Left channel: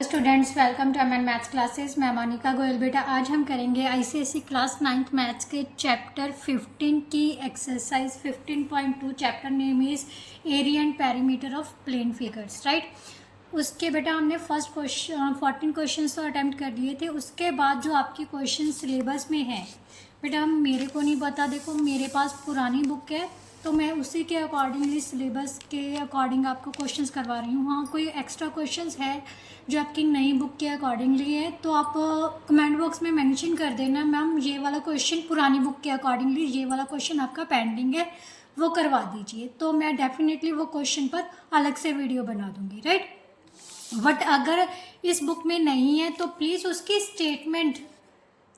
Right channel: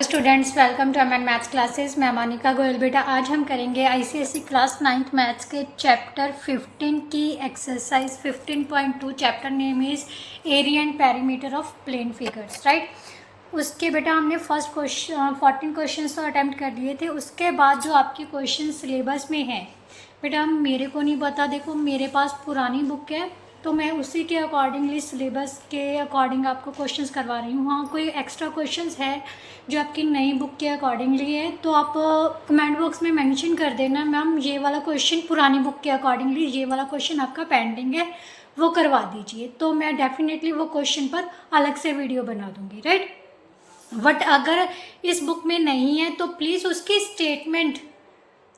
Students welcome to MN maths classes. मैं मोनिका गोयल। बेटा आज हम करेंगे आईसीएसई क्लास 9th मैथ्स के चैप्टर 15 की exercise 15.2। Chapter name is area and perimeter of plane figures, right. उसके बेटा हमने फर्स्ट क्वेश्चन 14 क्वेश्चन तो अटैम्प्ट कर लिए थे। उसके बाद जो आपके क्वेश्चन सिलेबस में है बेटा, मेरे को नहीं पता, देखो मेरे पास पुरानी बुक है तो मैं उसी के अकॉर्डिंगली सिलेबस के अकॉर्डिंग आपको क्वेश्चंस करवा रही हूँ। हाँ, कोई एक्स्ट्रा क्वेश्चंस है जो आपकी नई बुक के अकॉर्डिंगली है तो आप कमेंट बॉक्स में मेंशन कर देना, मैम ये वाला क्वेश्चन पुरानी बुक के अकॉर्डिंगली ये वाला क्वेश्चन आपका पेंडिंग है, वो करवा दीजिए। तो मैं डेफिनेटली वो क्वेश्चन पर अलग से वीडियो बना दूँगी, राइट। बट अगर इस बुक में नहीं है तो प्लीज़ उसकी स्टेटमेंट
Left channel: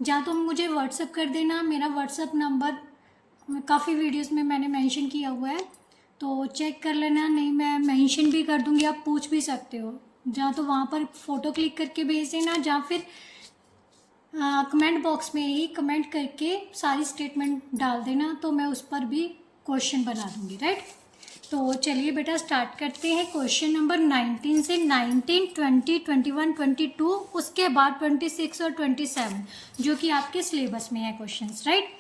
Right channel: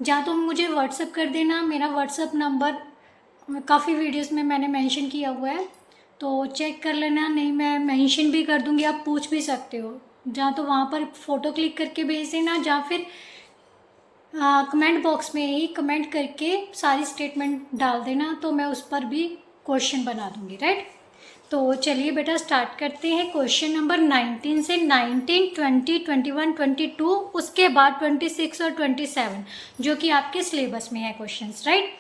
या तो मुझे व्हाट्सअप कर देना। मेरा व्हाट्सअप नंबर काफ़ी वीडियोस में मैंने मेंशन किया हुआ है तो चेक कर लेना, नहीं मैं मेंशन भी कर दूंगी, आप पूछ भी सकते हो। जहाँ तो वहाँ पर फ़ोटो क्लिक करके भेज देना या फिर कमेंट बॉक्स में ही कमेंट करके सारी स्टेटमेंट डाल देना तो मैं उस पर भी क्वेश्चन बना दूंगी, राइट। तो चलिए बेटा स्टार्ट करते हैं क्वेश्चन नंबर 19 से। 19, 20, 21, 22, उसके बाद 26 और 27 जो कि आपके सिलेबस में है क्वेश्चंस, राइट।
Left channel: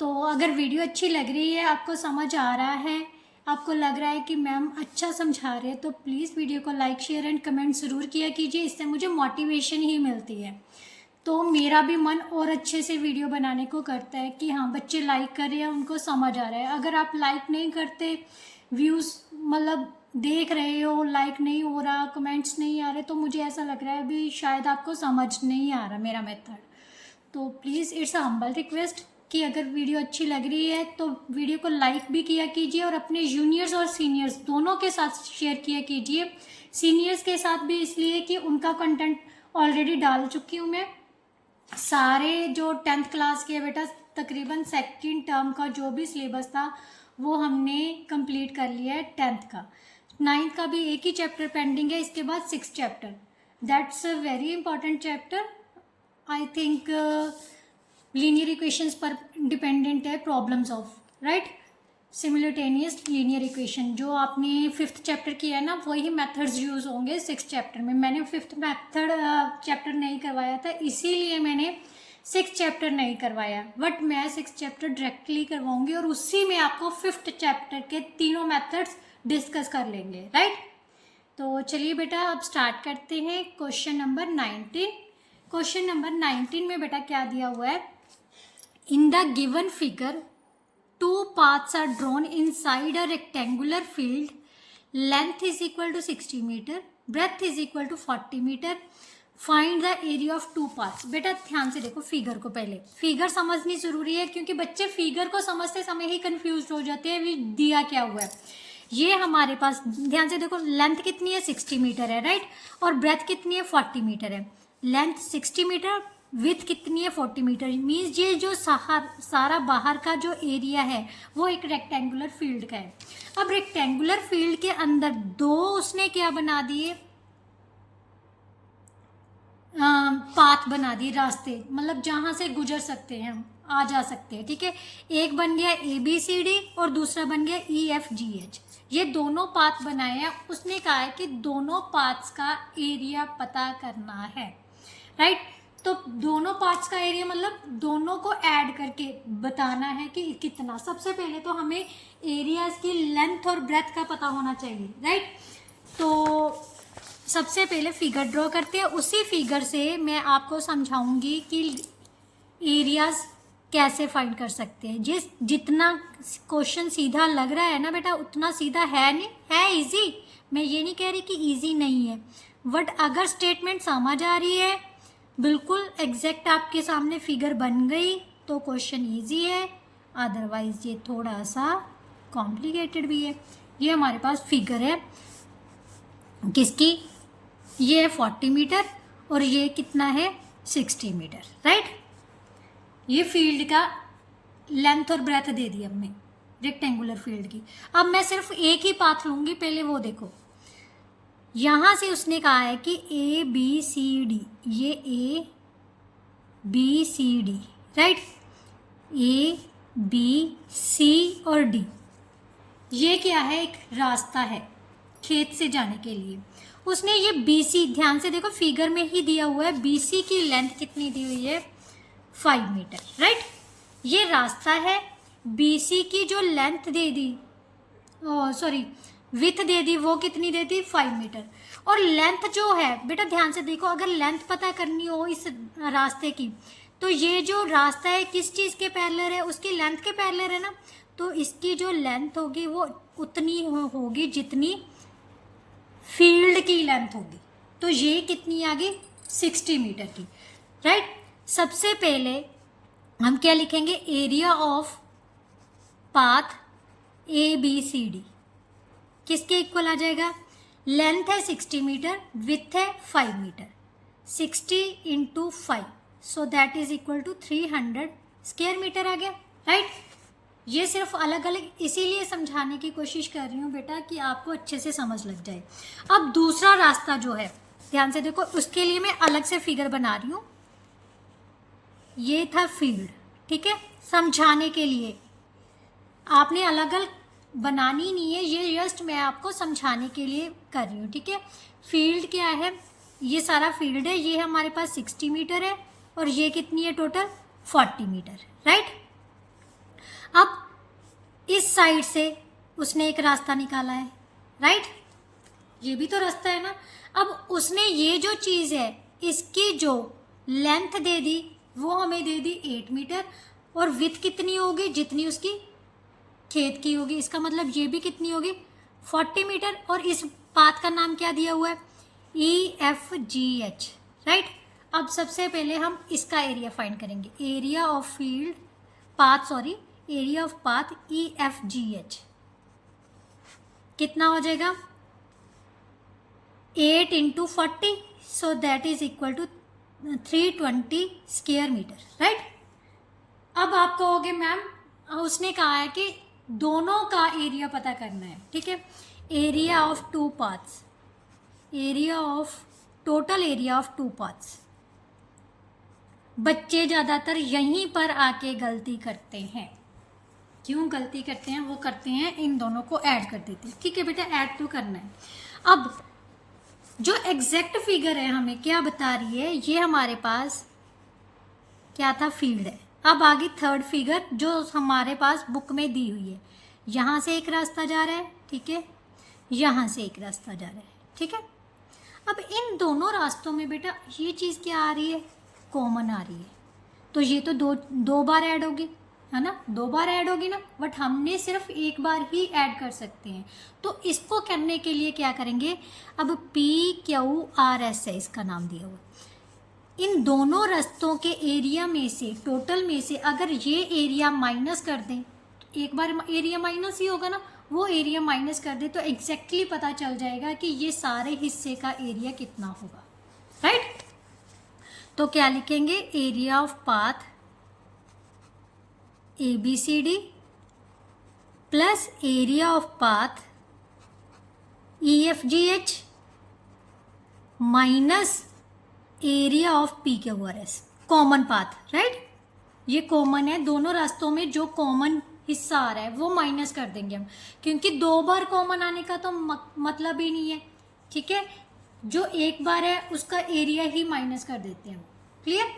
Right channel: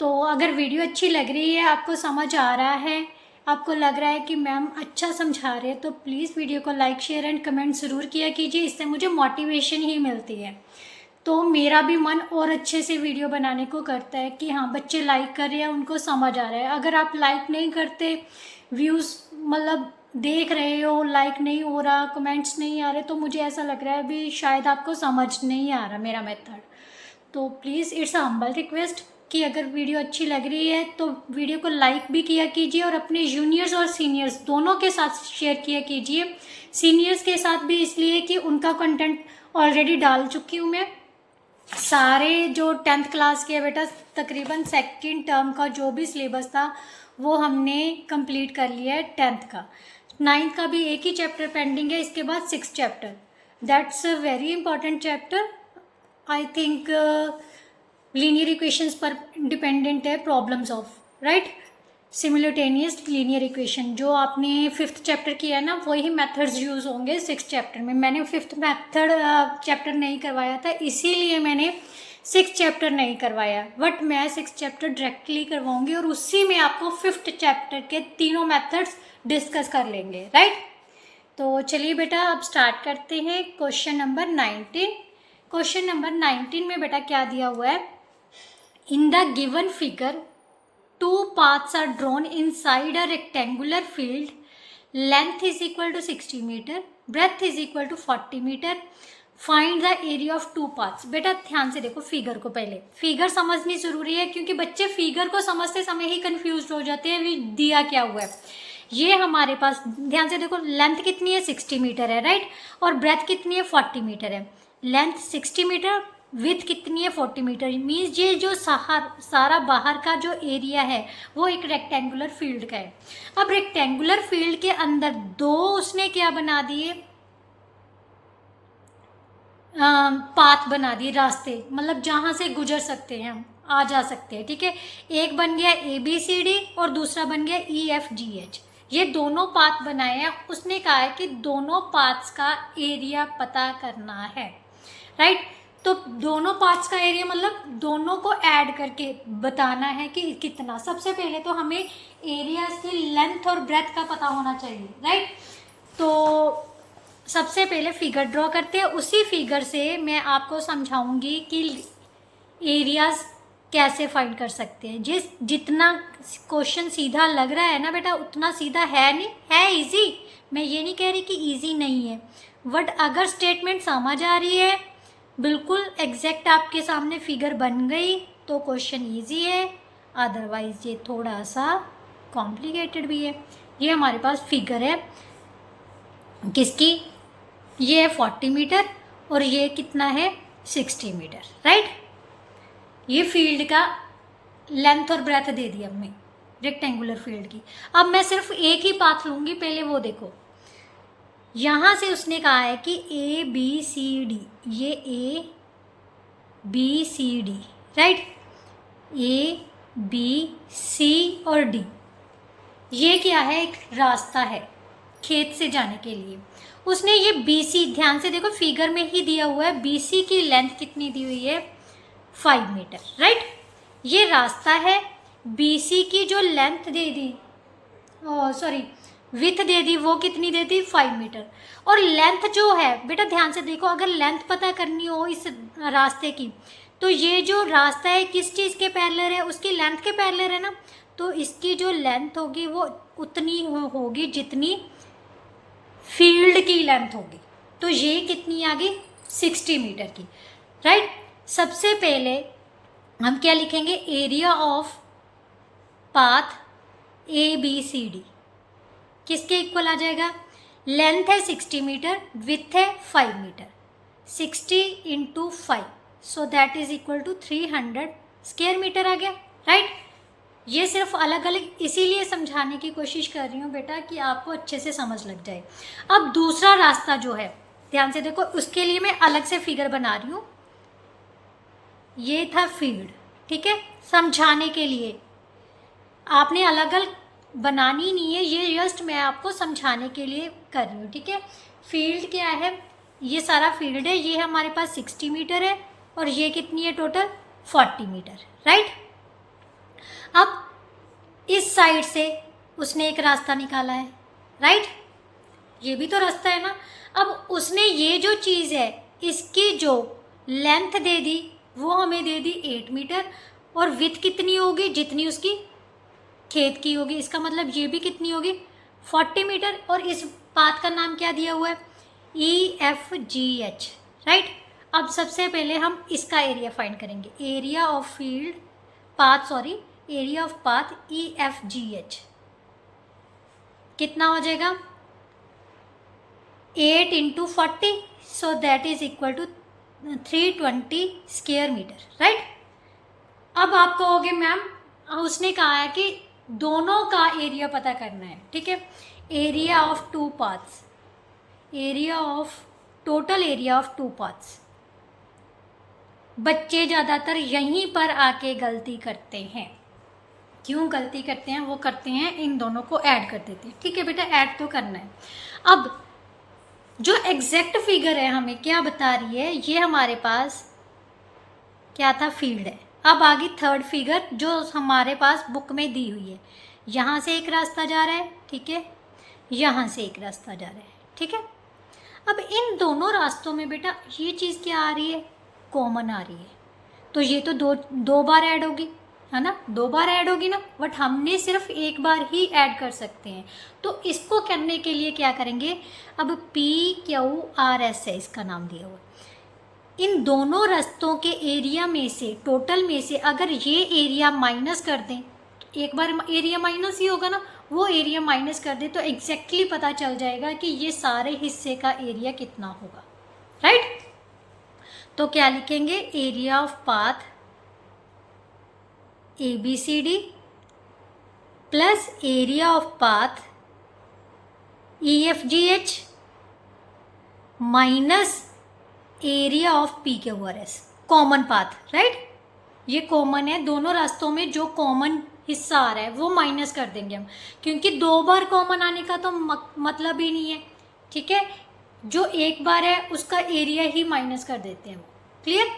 तो अगर वीडियो अच्छी लग रही है, आपको समझ आ रहा है, आपको लग रहा है कि मैम अच्छा समझा रहे हैं, तो प्लीज़ वीडियो को लाइक शेयर एंड कमेंट ज़रूर किया कीजिए। इससे मुझे मोटिवेशन ही मिलती है तो मेरा भी मन और अच्छे से वीडियो बनाने को करता है कि हाँ बच्चे लाइक कर रहे हैं, उनको समझ आ रहा है। अगर आप लाइक नहीं करते, व्यूज़ मतलब देख रहे हो, लाइक नहीं हो रहा, कमेंट्स नहीं आ रहे, तो मुझे ऐसा लग रहा है भी शायद आपको समझ नहीं आ रहा मेरा मेथड। तो please it's a humble request कि अगर वीडियो अच्छी लग रही है तो वीडियो को लाइक भी किया कीजिए और अपने जूनियर्स और सीनियर्स दोनों के साथ शेयर किया कीजिए। सीनियर्स के साथ भी इसलिए कि उनका कंटेंट ऑलरेडी डाल चुकी हूँ मैं। सारे जो 10th क्लास के बेटा तकरीबन सेकंड टर्म का जो भी सिलेबस था वो हमने कंप्लीट कर लिया है 10th का। 9th का भी एक ही चैप्टर पेंडिंग है, इसके बाद 6th chapter. That's a very important chapter. I think linear equations पर डिपेंडेंट है, problems of, right, simultaneous linear equation. जो आपने 5th चैप्टर किया है ना, वही मेथड्स यूज़ होंगे 6th चैप्टर में। मैंने 5th मेथड चैप्टर नहीं करवाया था, इसीलिए मैंने 6th चैप्टर नहीं करवाया, बट मैं 6th चैप्टर डायरेक्टली करवाऊंगी और उसी में आपको 5th चैप्टर के तीनों मेथड्स डिस्कस कर लेंगे, राइट। तो चलिए बेटा अब स्टार्ट करते हैं क्वेश्चन नंबर 19। क्वेश्चन नंबर 19 में बेटा क्या दिया हुआ है, in the given figure two paths are drawn inside a rectangular field. Length is equal to 60 meter, breadth is equal to 40 meter. Find the area of two paths. बेटा ध्यान से देखो फिगर को, पहले फिगर समझनी जरूरी है क्योंकि बच्चे फिगर को समझते समय ही कंफ्यूज हो जाते हैं भी दिया क्या हुआ है। ये हमारे पास ध्यान से देखो, लेंथ कितनी है 60 मीटर है, राइट, और ब्रेथ कितनी है 40 मीटर है। लेंथ 60 मीटर, विथ कितनी है 40 मीटर। मीन्स ये जो सारा बाहर का जो एरिया है वो एक रेक्टेंगुलर फील्ड का है। अब रेक्टेंगुलर फील्ड के अंदर दो उसने क्या बना दिए, पाथ बना दिए, रास्ते, मतलब जहाँ से गुजर सकते हैं हम, आ जा सकते हैं, ठीक है। एक बन गया ABCD और दूसरा बन गया EFGH। ये दोनों पाथ बनाए हैं। उसने कहा है कि दोनों पाथ्स का एरिया पता करना है, राइट। तो दोनों पार्ट्स का एरिया मतलब दोनों को ऐड करके बताना है कि कितना। सबसे पहले तो हमें एरियाज की लेंथ और ब्रेथ का पता होना चाहिए, राइट। तो सबसे पहले फिगर ड्रॉ करते हैं, उसी फिगर से मैं आपको समझाऊंगी कि एरियाज कैसे फाइंड कर सकते हैं। जितना क्वेश्चन सीधा लग रहा है ना बेटा, उतना सीधा है नहीं, है इजी। मैं ये नहीं कह रही कि इजी नहीं है, बट अगर स्टेटमेंट समझ आ रही है, बिल्कुल एग्जैक्ट आपके सामने फिगर बन गई तो क्वेश्चन इजी है, अदरवाइज ये थोड़ा सा कॉम्प्लिकेटेड भी है। ये हमारे पास फिगर है किसकी, ये है 40 मीटर और ये कितना है 60 मीटर, राइट। ये फील्ड का लेंथ और ब्रेथ दे दिया हमने रेक्टेंगुलर फील्ड की। अब मैं सिर्फ एक ही पाथ लूँगी, पहले वो देखो। यहाँ से उसने कहा है कि ABCD, ये ABCD, राइट, ABC और D, ये क्या है, एक रास्ता है खेत से जाने के लिए। उसने ये BC, ध्यान से देखो फिगर में ही दिया हुआ है, BC की लेंथ कितनी दी हुई है 5 मीटर, राइट। ये रास्ता है, BC की जो लेंथ दे दी, सॉरी विथ दे दी, वो कितनी दे दी 5 मीटर। और लेंथ जो है बेटा ध्यान से देखो, अगर लेंथ पता करनी हो इस रास्ते की, तो ये जो रास्ता है किस चीज़ के पैरेलल है, उसकी लेंथ के पैरेलल है ना, तो इसकी जो लेंथ होगी वो उतनी होगी जितनी फील्ड की लेंथ होगी। तो ये कितनी आ गई 60 मीटर की, राइट। सबसे पहले हम क्या लिखेंगे, एरिया ऑफ पाथ ABCD किसके इक्वल आ जाएगा, लेंथ है 60 मीटर, विथ है 5 metre, 60 into 5, so that is equal to 300 square metre आ गया, राइट। ये सिर्फ अलग अलग इसीलिए समझाने की कोशिश कर रही हूँ बेटा कि आपको अच्छे से समझ लग जाए। अब दूसरा रास्ता जो है ध्यान से देखो, उसके लिए मैं अलग से फिगर बना रही हूँ। ये था फील्ड, ठीक है, समझाने के लिए, आपने अलग अलग बनानी नहीं है, ये जस्ट मैं आपको समझाने के लिए कर रही हूँ, ठीक है। फील्ड क्या है, ये सारा फील्ड है, ये हमारे पास 60 मीटर है और ये कितनी है टोटल 40 मीटर, राइट। अब इस साइड से उसने एक रास्ता निकाला है, राइट, ये भी तो रास्ता है ना। अब उसने ये जो चीज़ है इसकी जो लेंथ दे दी वो हमें दे दी 8 मीटर, और विथ कितनी होगी जितनी उसकी खेत की होगी, इसका मतलब ये भी कितनी होगी 40 मीटर। और इस पाथ का नाम क्या दिया हुआ है EFGH, राइट। अब सबसे पहले हम इसका एरिया फाइंड करेंगे, area of field path, sorry area of path EFGH कितना हो जाएगा 8 into 40, so that is equal to 320 square metre, right. अब आप कहोगे मैम उसने कहा है कि दोनों का एरिया पता करना है, ठीक है। Area of two paths, area of total area of two paths, बच्चे ज़्यादातर यहीं पर आके गलती करते हैं। क्यों गलती करते हैं, वो करते हैं इन दोनों को ऐड कर देते हैं, ठीक है बेटा, ऐड तो करना है। अब जो एग्जैक्ट फिगर है हमें क्या बता रही है, ये हमारे पास क्या था फील्ड है। अब आगे थर्ड फिगर जो हमारे पास बुक में दी हुई है, यहाँ से एक रास्ता जा रहा है, ठीक है, यहाँ से एक रास्ता जा रहा है, ठीक है। अब इन दोनों रास्तों में बेटा ये चीज़ क्या आ रही है, कॉमन आ रही है, तो ये तो दो बार ऐड होगी, है ना, 2 बार ऐड होगी ना, बट हमने सिर्फ एक बार ही ऐड कर सकते हैं। तो इसको करने के लिए क्या करेंगे, अब PQRS है इसका नाम दिया हुआ, इन दोनों रास्तों के एरिया में से, टोटल में से अगर ये एरिया माइनस कर दें, एक बार एरिया माइनस ही होगा ना, वो एरिया माइनस कर दे तो एग्जैक्टली पता चल जाएगा कि ये सारे हिस्से का एरिया कितना होगा, राइट। तो क्या लिखेंगे, area of path ABCD plus area of path EFGH minus area of PQRS, common path, right. ये कॉमन है, दोनों रास्तों में जो कॉमन हिस्सा आ रहा है वो माइनस कर देंगे हम, क्योंकि 2 बार कॉमन आने का तो मतलब ही नहीं है, ठीक है। जो एक बार है उसका एरिया ही माइनस कर देते हैं, क्लियर।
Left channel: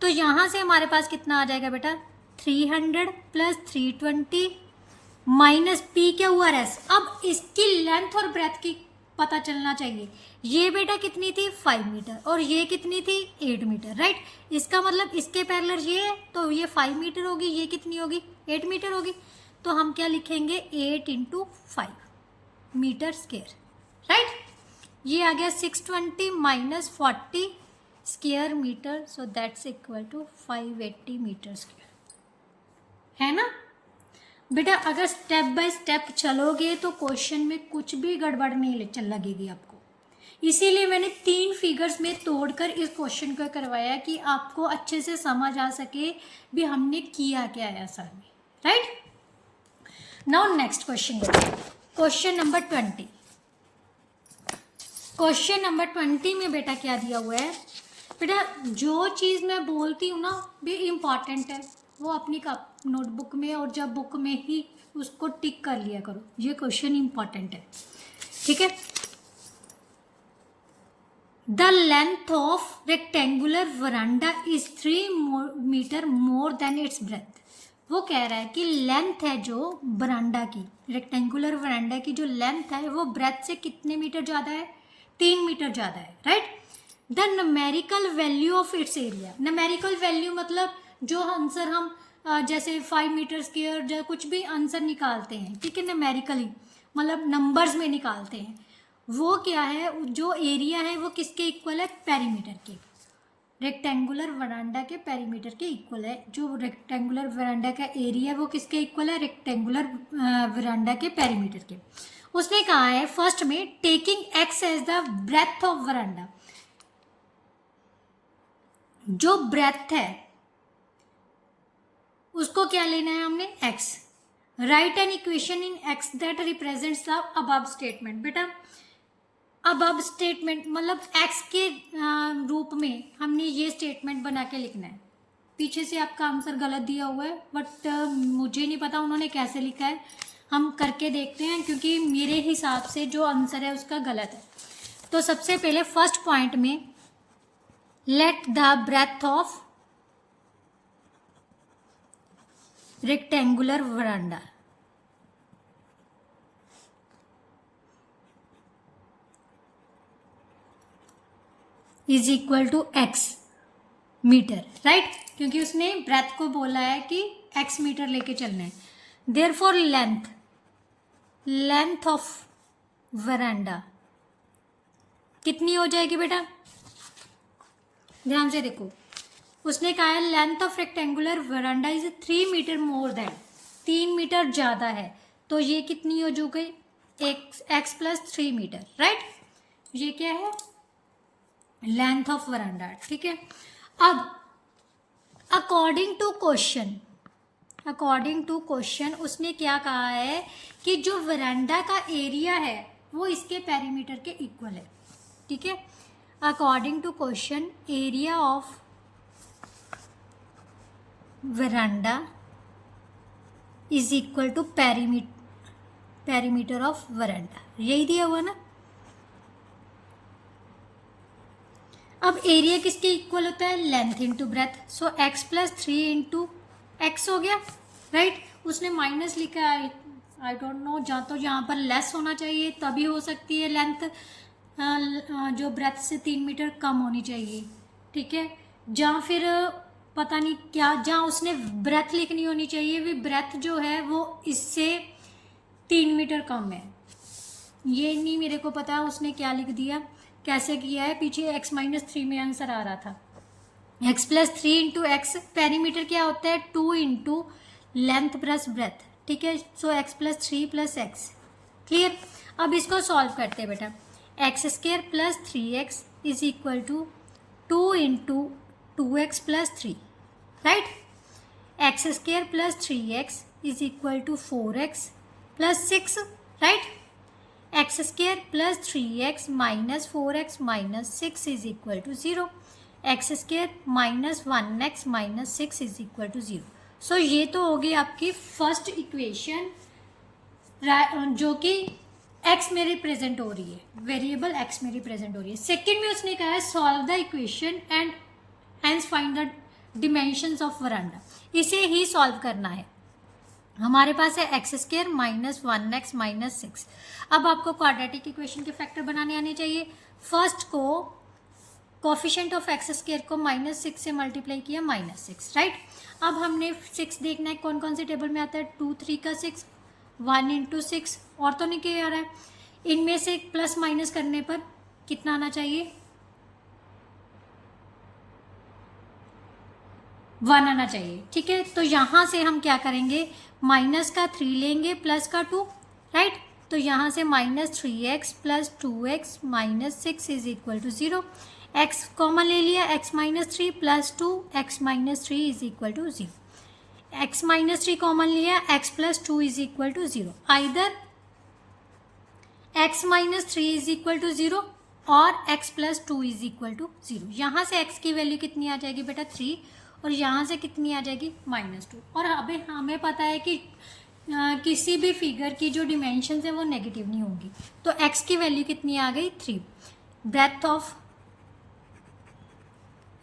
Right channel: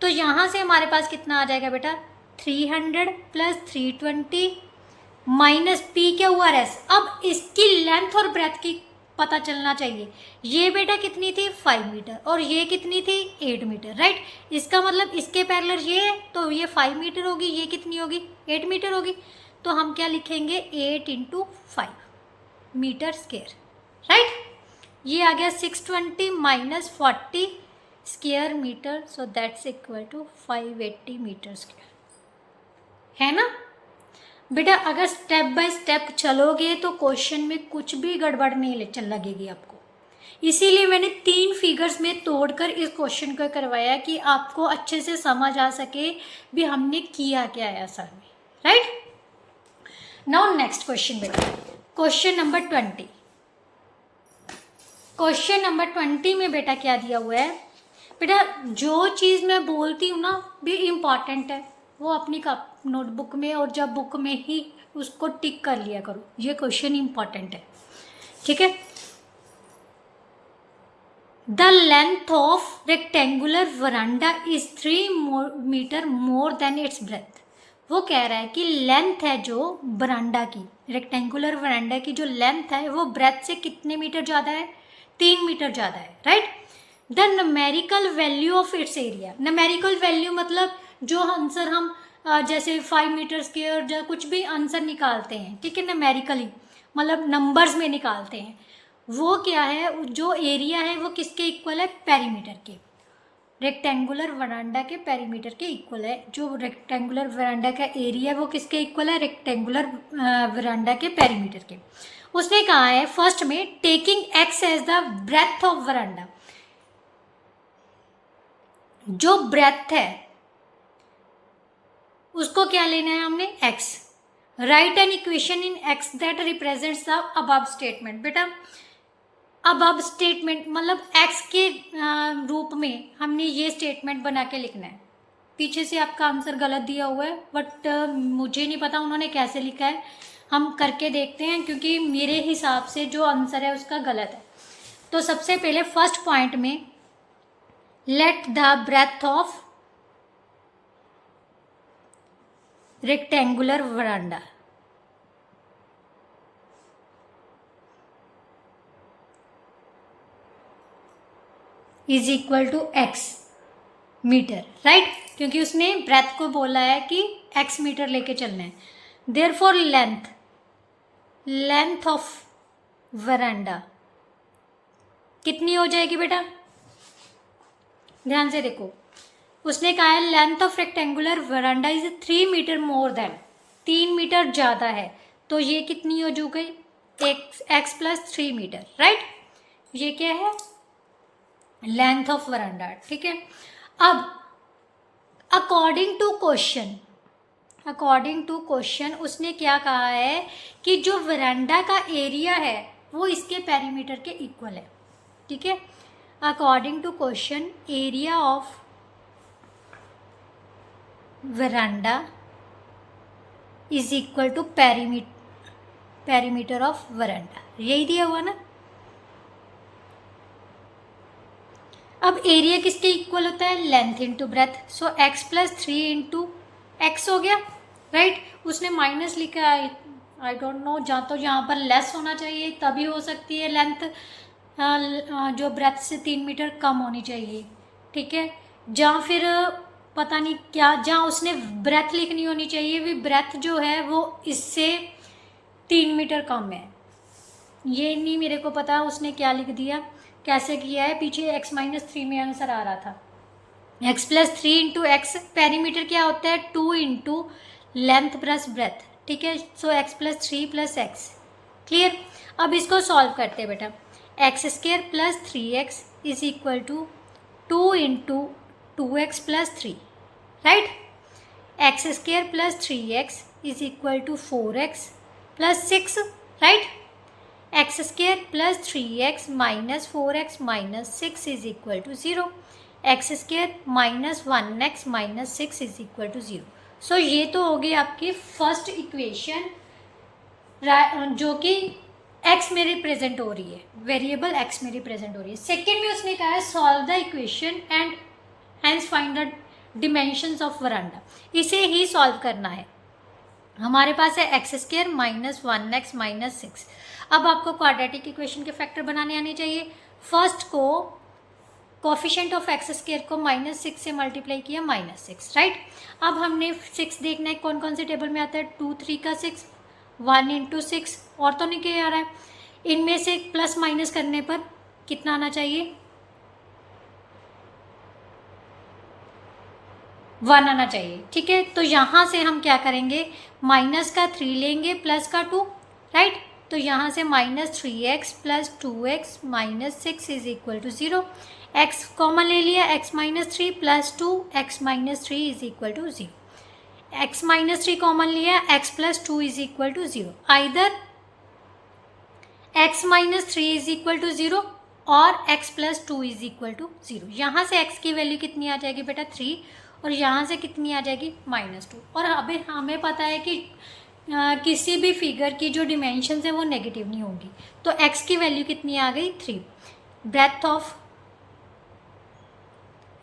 तो यहाँ से हमारे पास कितना आ जाएगा बेटा 300 प्लस 320 माइनस PQRS। अब इसकी लेंथ और ब्रेथ की पता चलना चाहिए, ये बेटा कितनी थी 5 मीटर और ये कितनी थी 8 मीटर, राइट। इसका मतलब इसके पैरेलल ये है तो ये 5 मीटर होगी, ये कितनी होगी 8 मीटर होगी। तो हम क्या लिखेंगे 8 इंटू 5 मीटर स्क्वायर, राइट। ये आ गया 620 minus 40 square metre, so that's equal to 580 metre square, है ना बेटा। अगर स्टेप बाय स्टेप चलोगे तो क्वेश्चन में कुछ भी गड़बड़ नहीं चल लगेगी आपको, इसीलिए मैंने 3 फिगर्स में तोड़कर इस क्वेश्चन को करवाया कि आपको अच्छे से समझ आ सके भी हमने किया क्या है असल में, राइट। नाउ नेक्स्ट क्वेश्चन बेटा, क्वेश्चन नंबर 20। क्वेश्चन नंबर 20 में बेटा क्या दिया हुआ है, बेटा जो चीज़ मैं बोलती हूँ ना भी इम्पॉर्टेंट है वो अपनी नोटबुक में और जब बुक में ही उसको टिक कर लिया करो, ये क्वेश्चन इम्पॉर्टेंट है, ठीक है। The length of rectangular veranda is 3 metre more than its breadth. वो कह रहा है कि लेंथ है जो वरांडा की, रेक्टेंगुलर वरांडा की जो लेंथ है वो ब्रेथ से कितने मीटर ज़्यादा है, 3 मीटर ज़्यादा है, right. The numerical value of its area, numerical value मतलब जो आंसर हम जैसे 5 मीटर स्क्वायर या कुछ भी आंसर निकालते हैं, ठीक है, न्यूमेरिकली मतलब नंबर्स में निकालते हैं, वो क्या है, जो एरिया है वो किसके इक्वल है, पेरीमीटर के, रेक्टेंगुलर वरांडा के पेरीमीटर के इक्वल है। जो रेक्टेंगुलर वरांडा का एरिया है वो किसके इक्वल है, रेक्टेंगुलर वरांडा के पेरीमीटर के। उसने कहा है फर्स्ट में taking x as the breadth of veranda, जो ब्रेथ है उसको क्या लेना है हमने, x. Write an equation in x that represents the above statement. बेटा अबव स्टेटमेंट मतलब एक्स के रूप में हमने ये स्टेटमेंट बना के लिखना है। पीछे से आपका आंसर गलत दिया हुआ है, बट मुझे नहीं पता उन्होंने कैसे लिखा है, हम करके देखते हैं, क्योंकि मेरे हिसाब से जो आंसर है उसका गलत है। तो सबसे पहले फर्स्ट पॉइंट में let the breadth of rectangular veranda is equal to x metre, right, क्योंकि उसने ब्रेथ को बोला है कि एक्स मीटर लेके चलना है। देयरफॉर लेंथ ऑफ वरांडा कितनी हो जाएगी बेटा, ध्यान से देखो, उसने कहा है length of rectangular veranda is 3 metre more than, 3 metre ज़्यादा है, तो ये कितनी हो जो गई, एक्स प्लस 3 मीटर, राइट। ये क्या है, लेंथ ऑफ वरांडा, ठीक है। अब अकॉर्डिंग टू क्वेश्चन उसने क्या कहा है कि जो वरांडा का एरिया है वो इसके पेरीमीटर के इक्वल है, ठीक है। According to question area of veranda is equal to perimeter of veranda, यही दिया हुआ ना। अब एरिया किसके इक्वल होता है, लेंथ इंटू ब्रेथ, सो एक्स प्लस 3 इंटू एक्स हो गया, राइट। उसने माइनस लिखा है, आई डोंट नो, यहाँ पर लेस होना चाहिए तभी हो सकती है लेंथ, जो ब्रेथ से 3 मीटर कम होनी चाहिए, ठीक है। जहाँ फिर पता नहीं क्या, जहाँ उसने ब्रेथ लिखनी होनी चाहिए, भी ब्रेथ जो है वो इससे 3 मीटर कम है, ये नहीं मेरे को पता उसने क्या लिख दिया, कैसे किया है, पीछे x माइनस 3 में आंसर आ रहा था। x plus 3 into x, perimeter क्या होता है, 2 इंटू लेंथ प्लस ब्रेथ, ठीक है। So x plus 3 plus x, clear. अब इसको सॉल्व करते हैं बेटा, x square plus 3x is equal to 2 into 2x plus 3, right. X square plus 3x is equal to 4x plus 6, right. X square plus 3x minus 4x minus 6 is equal to 0, x square minus 1x minus 6 is equal to 0। So ये तो होगी आपकी first equation, जो कि x में represent हो रही है, वेरिएबल x में रिप्रेजेंट हो रही है। सेकेंड में उसने कहा है solve the equation and hence find the dimensions of veranda, इसे ही सॉल्व करना है। हमारे पास है x square minus 1x minus 6। अब आपको क्वाड्रेटिक इक्वेशन के फैक्टर बनाने आने चाहिए। फर्स्ट को कोफिशिएंट ऑफ एक्स स्क्र को -6 से मल्टीप्लाई किया -6, राइट। अब हमने 6 देखना है कौन कौन से टेबल में आता है, 2 3 का 6, 1 इंटू 6, और तो नहीं क्या आ रहा है, इनमें से प्लस माइनस करने पर कितना आना चाहिए, 1 आना चाहिए, ठीक है। तो यहाँ से हम क्या करेंगे, माइनस का 3 लेंगे प्लस का 2, राइट। तो यहाँ से -3x plus 2x minus 6 is equal to 0, x common ले लिया, x minus 3 plus 2 x minus 3 is equal to 0, x minus 3 common लिया, x plus 2 is equal to 0, either x minus 3 is equal to 0 और x plus 2 is equal to 0। यहाँ से x की value कितनी आ जाएगी बेटा 3, और यहाँ से कितनी आ जाएगी -2। और अभी हमें पता है कि किसी भी फिगर की जो डिमेंशन है वो नेगेटिव नहीं होगी, तो x की वैल्यू कितनी आ गई 3। Breadth of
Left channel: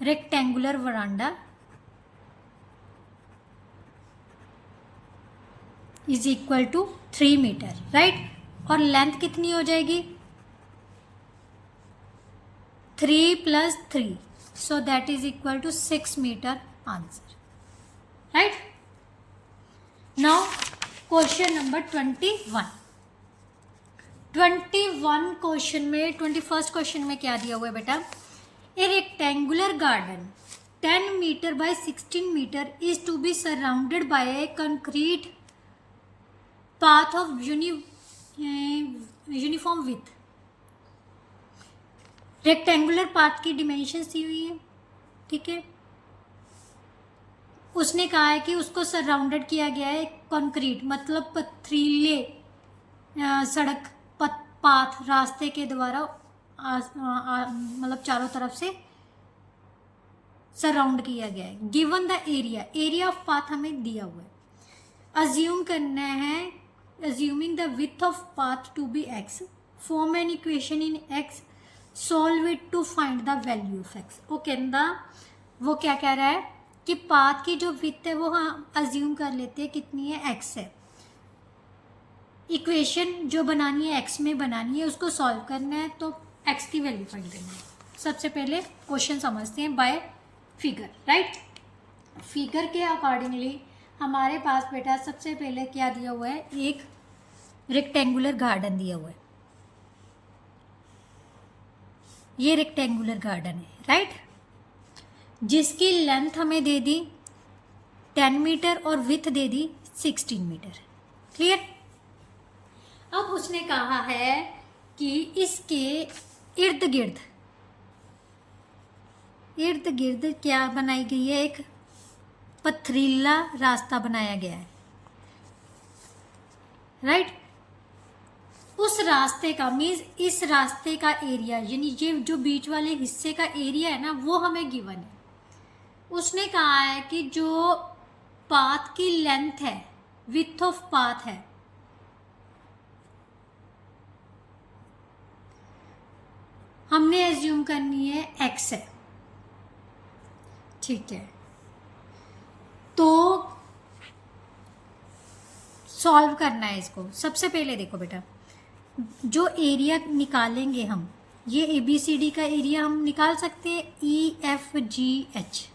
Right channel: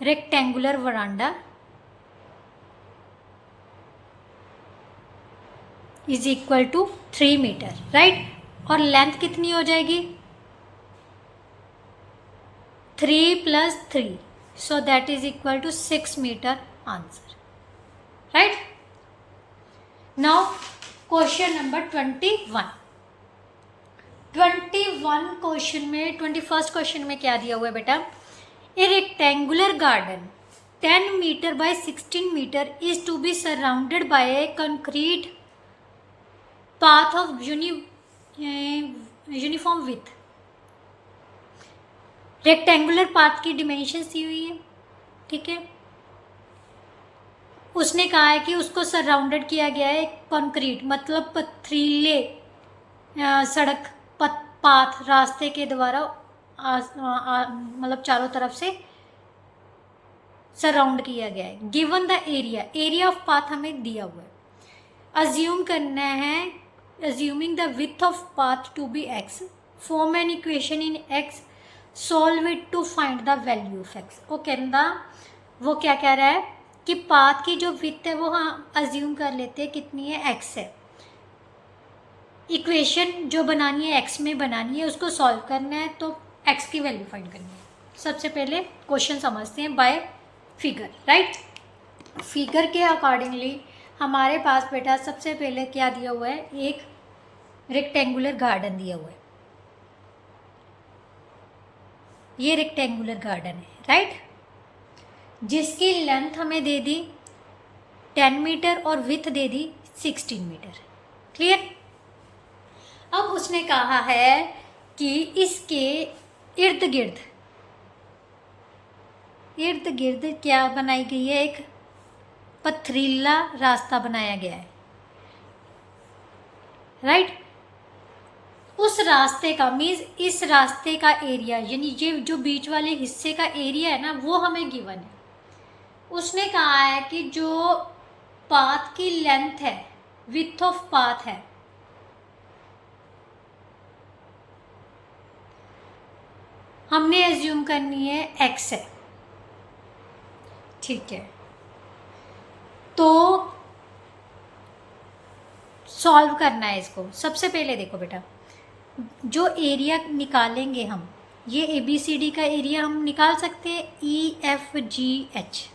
rectangular veranda is equal to 3 metre, right. और लेंथ कितनी हो जाएगी 3 + 3, so that is equal to 6 metre answer, right. Now question number 21 question में 21st क्वेश्चन में क्या दिया हुआ है बेटा, a rectangular garden 10 metre by 16 metre is to be surrounded by a concrete path of uniform width. Rectangular path की dimensions दी हुई है, ठीक है। उसने कहा है कि उसको सराउंडेड किया गया है कंक्रीट मतलब पथरीले सड़क पाथ रास्ते के द्वारा मतलब चारों तरफ से सराउंड किया गया है। Given the area of path हमें दिया हुआ है। अज्यूम करना है, assuming the width of path to be x, form an equation in x, solve it to find the value of x। वो क्या कह रहा है कि पाथ की जो विथ है वो हम अज्यूम कर लेते हैं कितनी है x है। इक्वेशन जो बनानी है x में बनानी है, उसको सॉल्व करना है, तो x की वैल्यू फाइंड करनी है। सबसे पहले क्वेश्चन समझते हैं बाय फिगर, राइट। फिगर के अकॉर्डिंगली हमारे पास बेटा सबसे पहले क्या दिया हुआ है, एक रेक्टेंगुलर गार्डन दिया हुआ है। ये रेक्टेंगुलर गार्डन है, राइट, जिसकी लेंथ हमें दे दी 10 मीटर और विथ दे दी 16 मीटर, क्लियर। अब उसने कहा है कि इसके इर्द गिर्द क्या बनाई गई है, एक पथरीला रास्ता बनाया गया है, राइट। उस रास्ते का मीन्स इस रास्ते का एरिया, यानी ये जो बीच वाले हिस्से का एरिया है ना, वो हमें गिवन है। उसने कहा है कि जो पाथ की लेंथ है, विथ ऑफ पाथ है, हमने एज्यूम करनी है x है, ठीक है। तो सॉल्व करना है इसको। सबसे पहले देखो बेटा, जो एरिया निकालेंगे हम, ये ABCD का एरिया हम निकाल सकते हैं EFGH।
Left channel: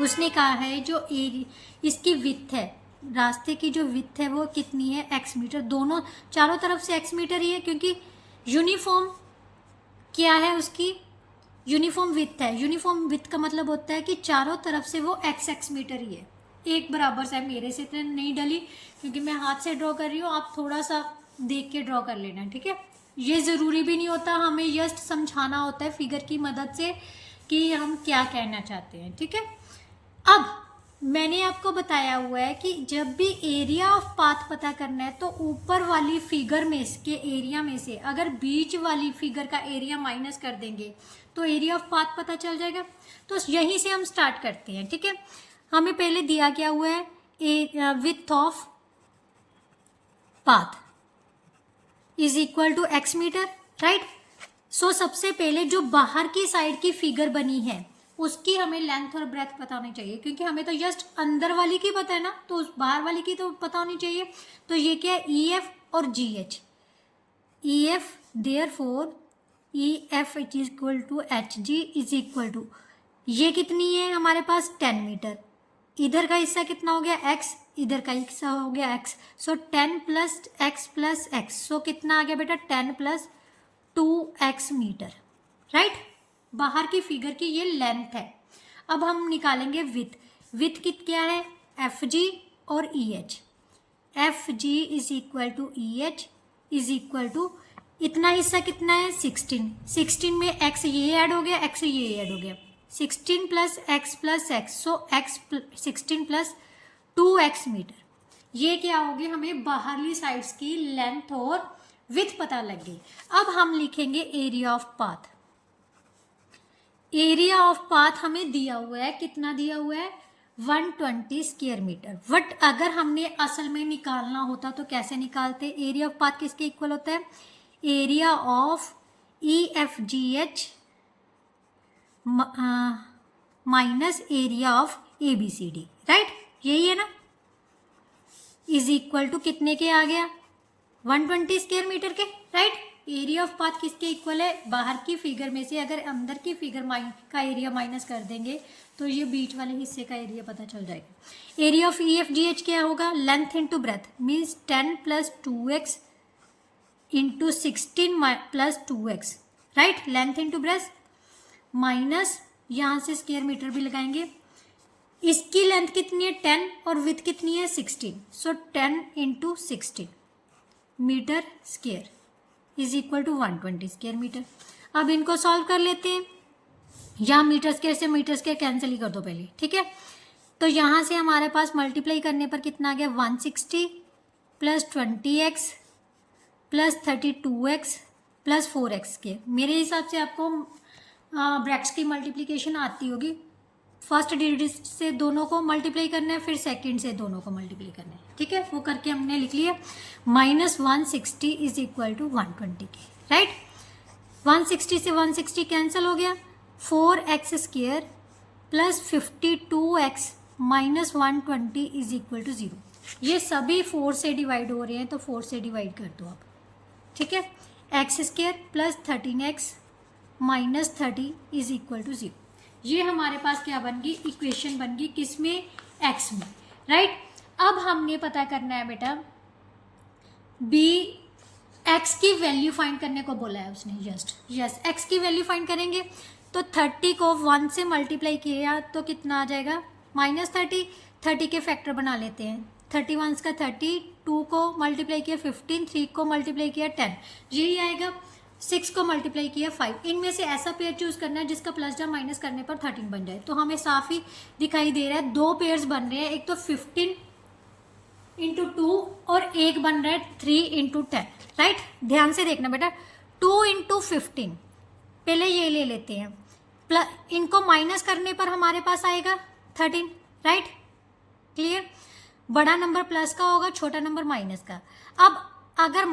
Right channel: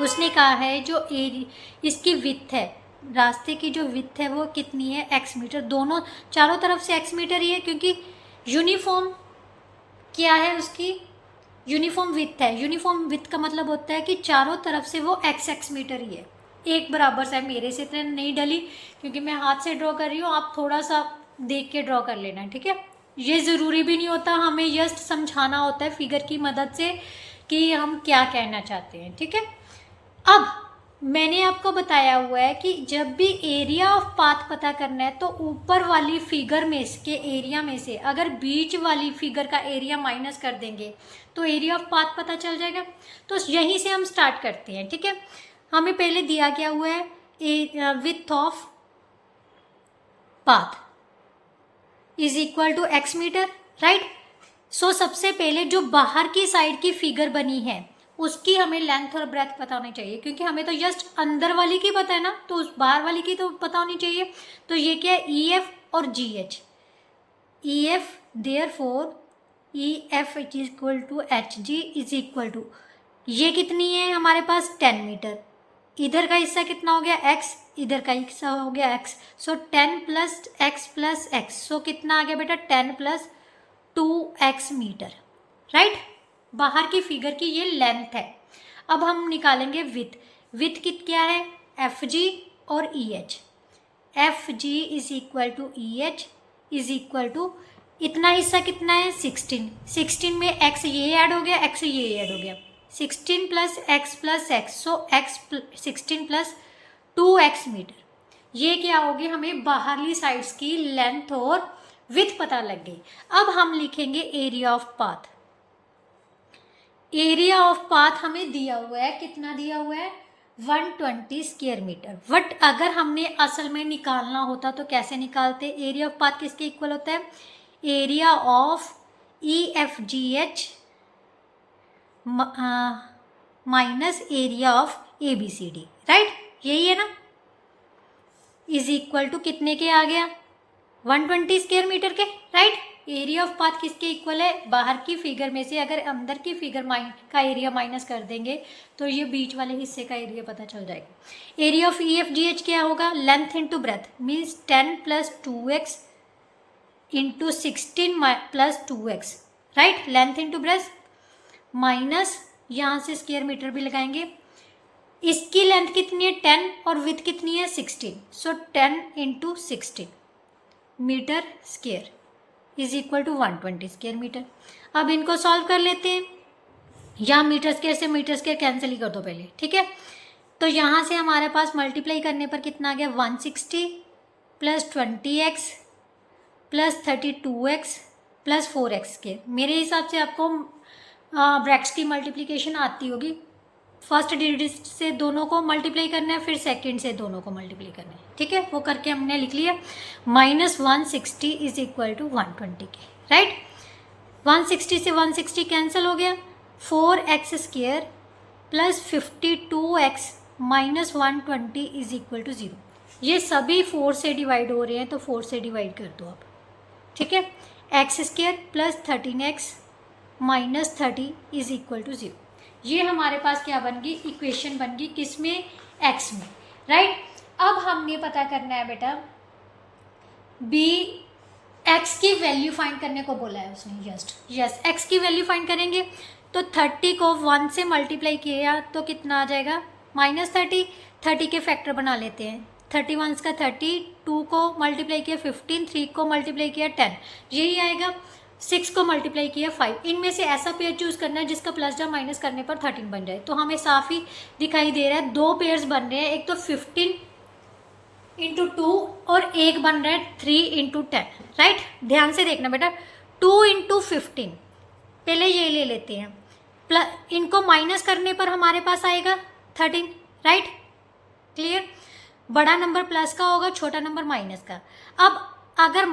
उसने कहा है जो एरिया इसकी विथ है, रास्ते की जो विथ है वो कितनी है x मीटर, दोनों चारों तरफ से x मीटर ही है, क्योंकि यूनिफॉर्म क्या है उसकी, यूनिफॉर्म विथ है। यूनिफॉर्म विथ का मतलब होता है कि चारों तरफ से वो x मीटर ही है, एक बराबर सा है। मेरे से इतना नहीं डली क्योंकि मैं हाथ से ड्रॉ कर रही हूँ, आप थोड़ा सा देख के ड्रॉ कर लेना, ठीक है। ये ज़रूरी भी नहीं होता, हमें जस्ट समझाना होता है फिगर की मदद से कि हम क्या कहना चाहते हैं, ठीक है। अब मैंने आपको बताया हुआ है कि जब भी एरिया ऑफ पाथ पता करना है तो ऊपर वाली फिगर में इसके एरिया में से अगर बीच वाली फिगर का एरिया माइनस कर देंगे तो एरिया ऑफ पाथ पता चल जाएगा। तो यहीं से हम स्टार्ट करते हैं, ठीक है। हमें पहले दिया क्या हुआ है, width of path is equal to x metre, right. So सबसे पहले जो बाहर की साइड की फिगर बनी है उसकी हमें लेंथ और ब्रेथ पता होनी चाहिए, क्योंकि हमें तो जस्ट अंदर वाली की पता है ना, तो उस बाहर वाली की तो पता होनी चाहिए। तो ये क्या है, EF और GH। EF therefore EF is equal to HG is equal to, ये कितनी है हमारे पास 10 मीटर, इधर का हिस्सा कितना हो गया x, इधर का हिस्सा हो गया x, सो 10 + x + x, सो कितना आ गया बेटा 10 + 2x मीटर, राइट। बाहर की फिगर की ये लेंथ है। अब हम निकालेंगे विथ क्या है, FG और EH। FG is equal to EH is equal to, इतना हिस्सा कितना है 16 में x ये ऐड हो गया, x ये ऐड हो गया, 16 + x + x, सो x 16 + 2x मीटर। ये क्या होगी, हमें बाहरली साइड्स की लेंथ और विथ पता लग गई। अब हम लिखेंगे area of path. Area of path हमें दिया हुआ है, कितना दिया हुआ है 120 स्क्वायर मीटर। बट अगर हमने असल में निकालना होता तो कैसे निकालते, एरिया ऑफ पाथ किसके इक्वल होता है, area of EFGH minus area of ABCD, right, यही है ना, इज इक्वल टू कितने के आ गया, 120 स्क्वायर मीटर के, राइट। एरिया ऑफ पाथ किसके इक्वल है, बाहर की फिगर में से अगर अंदर की फिगर का एरिया माइनस कर देंगे तो ये बीच वाले हिस्से का एरिया पता चल जाएगा। एरिया ऑफ EFGH क्या होगा, length into breath, means 10 + 2x into 16 + 2x, right, length into breath, minus यहाँ से स्क्वायर मीटर भी लगाएंगे, इसकी लेंथ कितनी है 10 और विथ कितनी है 16, so 10 × 16 metre square is equal to 120 square metre. अब इनको सॉल्व कर लेते हैं, या मीटर स्क्वायर से मीटर स्क्वायर कैंसिल ही कर दो पहले, ठीक है। तो यहाँ से हमारे पास मल्टीप्लाई करने पर कितना आ गया, 160 + 20x + 32x + 4x स्क्वायर। मेरे हिसाब से आपको ब्रैकेट्स की मल्टीप्लिकेशन आती होगी, फर्स्ट डिजिट से दोनों को मल्टीप्लाई करना है, फिर सेकंड से दोनों को मल्टीप्लाई करना है, ठीक है, वो करके हमने लिख लिया। -160 इज इक्वल टू 120 के, राइट। 160 से 160 कैंसिल हो गया, 4x square + 52x - 120 is equal to 0। ये सभी 4 से डिवाइड हो रहे हैं तो 4 से डिवाइड कर दो आप, ठीक है। x square + 13x - 30 is equal to 0। ये हमारे पास क्या बन गई, इक्वेशन बन गई, किसमें, x में, राइट। अब हमने पता करना है बेटा x की वैल्यू फाइंड करने को बोला है उसने, यस x की वैल्यू फाइंड करेंगे। तो 30 को 1 से मल्टीप्लाई किया तो कितना आ जाएगा, -30, 30 के फैक्टर बना लेते हैं, 31 का 30, 2 को मल्टीप्लाई किया 15, 3 को मल्टीप्लाई किया 10, यही आएगा। 6 को मल्टीप्लाई किया 5, इनमें से ऐसा पेयर चूज करना है जिसका प्लस या माइनस करने पर 13 बन जाए। तो हमें साफ ही दिखाई दे रहा है, 2 पेयर्स बन रहे हैं, एक तो 15 × 2 और एक बन रहा है 3 × 10, राइट। ध्यान से देखना बेटा, 2 × 15, पहले ये ले लेते हैं, प्लस इनको माइनस करने पर हमारे पास आएगा 13, राइट, क्लियर। बड़ा नंबर प्लस का होगा, छोटा नंबर माइनस का। अब अगर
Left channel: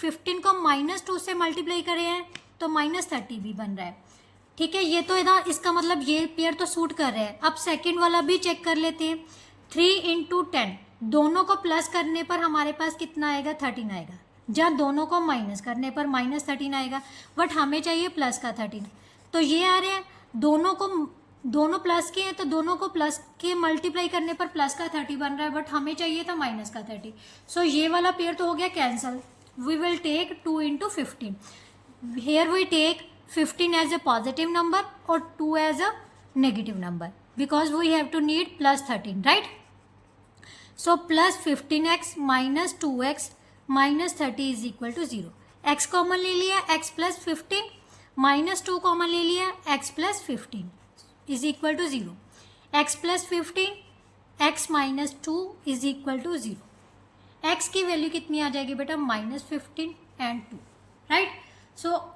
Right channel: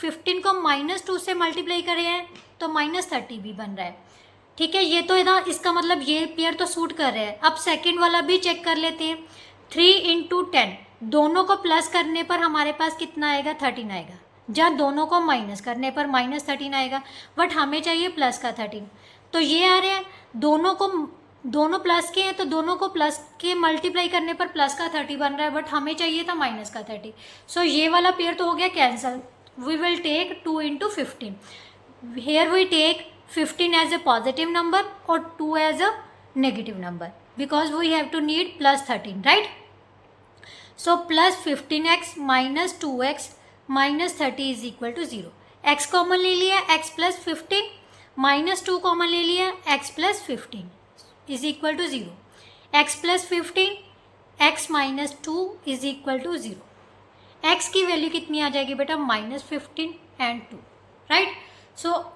15 को -2 से मल्टीप्लाई करें हैं तो -30 भी बन रहा है, ठीक है। ये तो इधर इसका मतलब ये पेयर तो सूट कर रहा है। अब सेकंड वाला भी चेक कर लेते हैं, 3 × 10, दोनों को प्लस करने पर हमारे पास कितना आएगा, 13 आएगा, जहाँ दोनों को माइनस करने पर -13 आएगा, बट हमें चाहिए प्लस का 13। तो ये आ रहे हैं, दोनों प्लस के हैं तो दोनों को प्लस के मल्टीप्लाई करने पर प्लस का 30 बन रहा है, बट हमें चाहिए था माइनस का 30। सो ये वाला पेयर तो हो गया cancel. We will take 2 × 15, here we take 15 as a positive number और 2 as a negative number, because we have to need +13, right. So +15x - 2x - 30 is equal to 0। x common ले लिया, x + 15, -2 common ले लिया, x + 15 is equal to 0। x + 15, x - 2 is equal to 0। x की value कितनी आ जाएगी बेटा, -15 and 2, right. So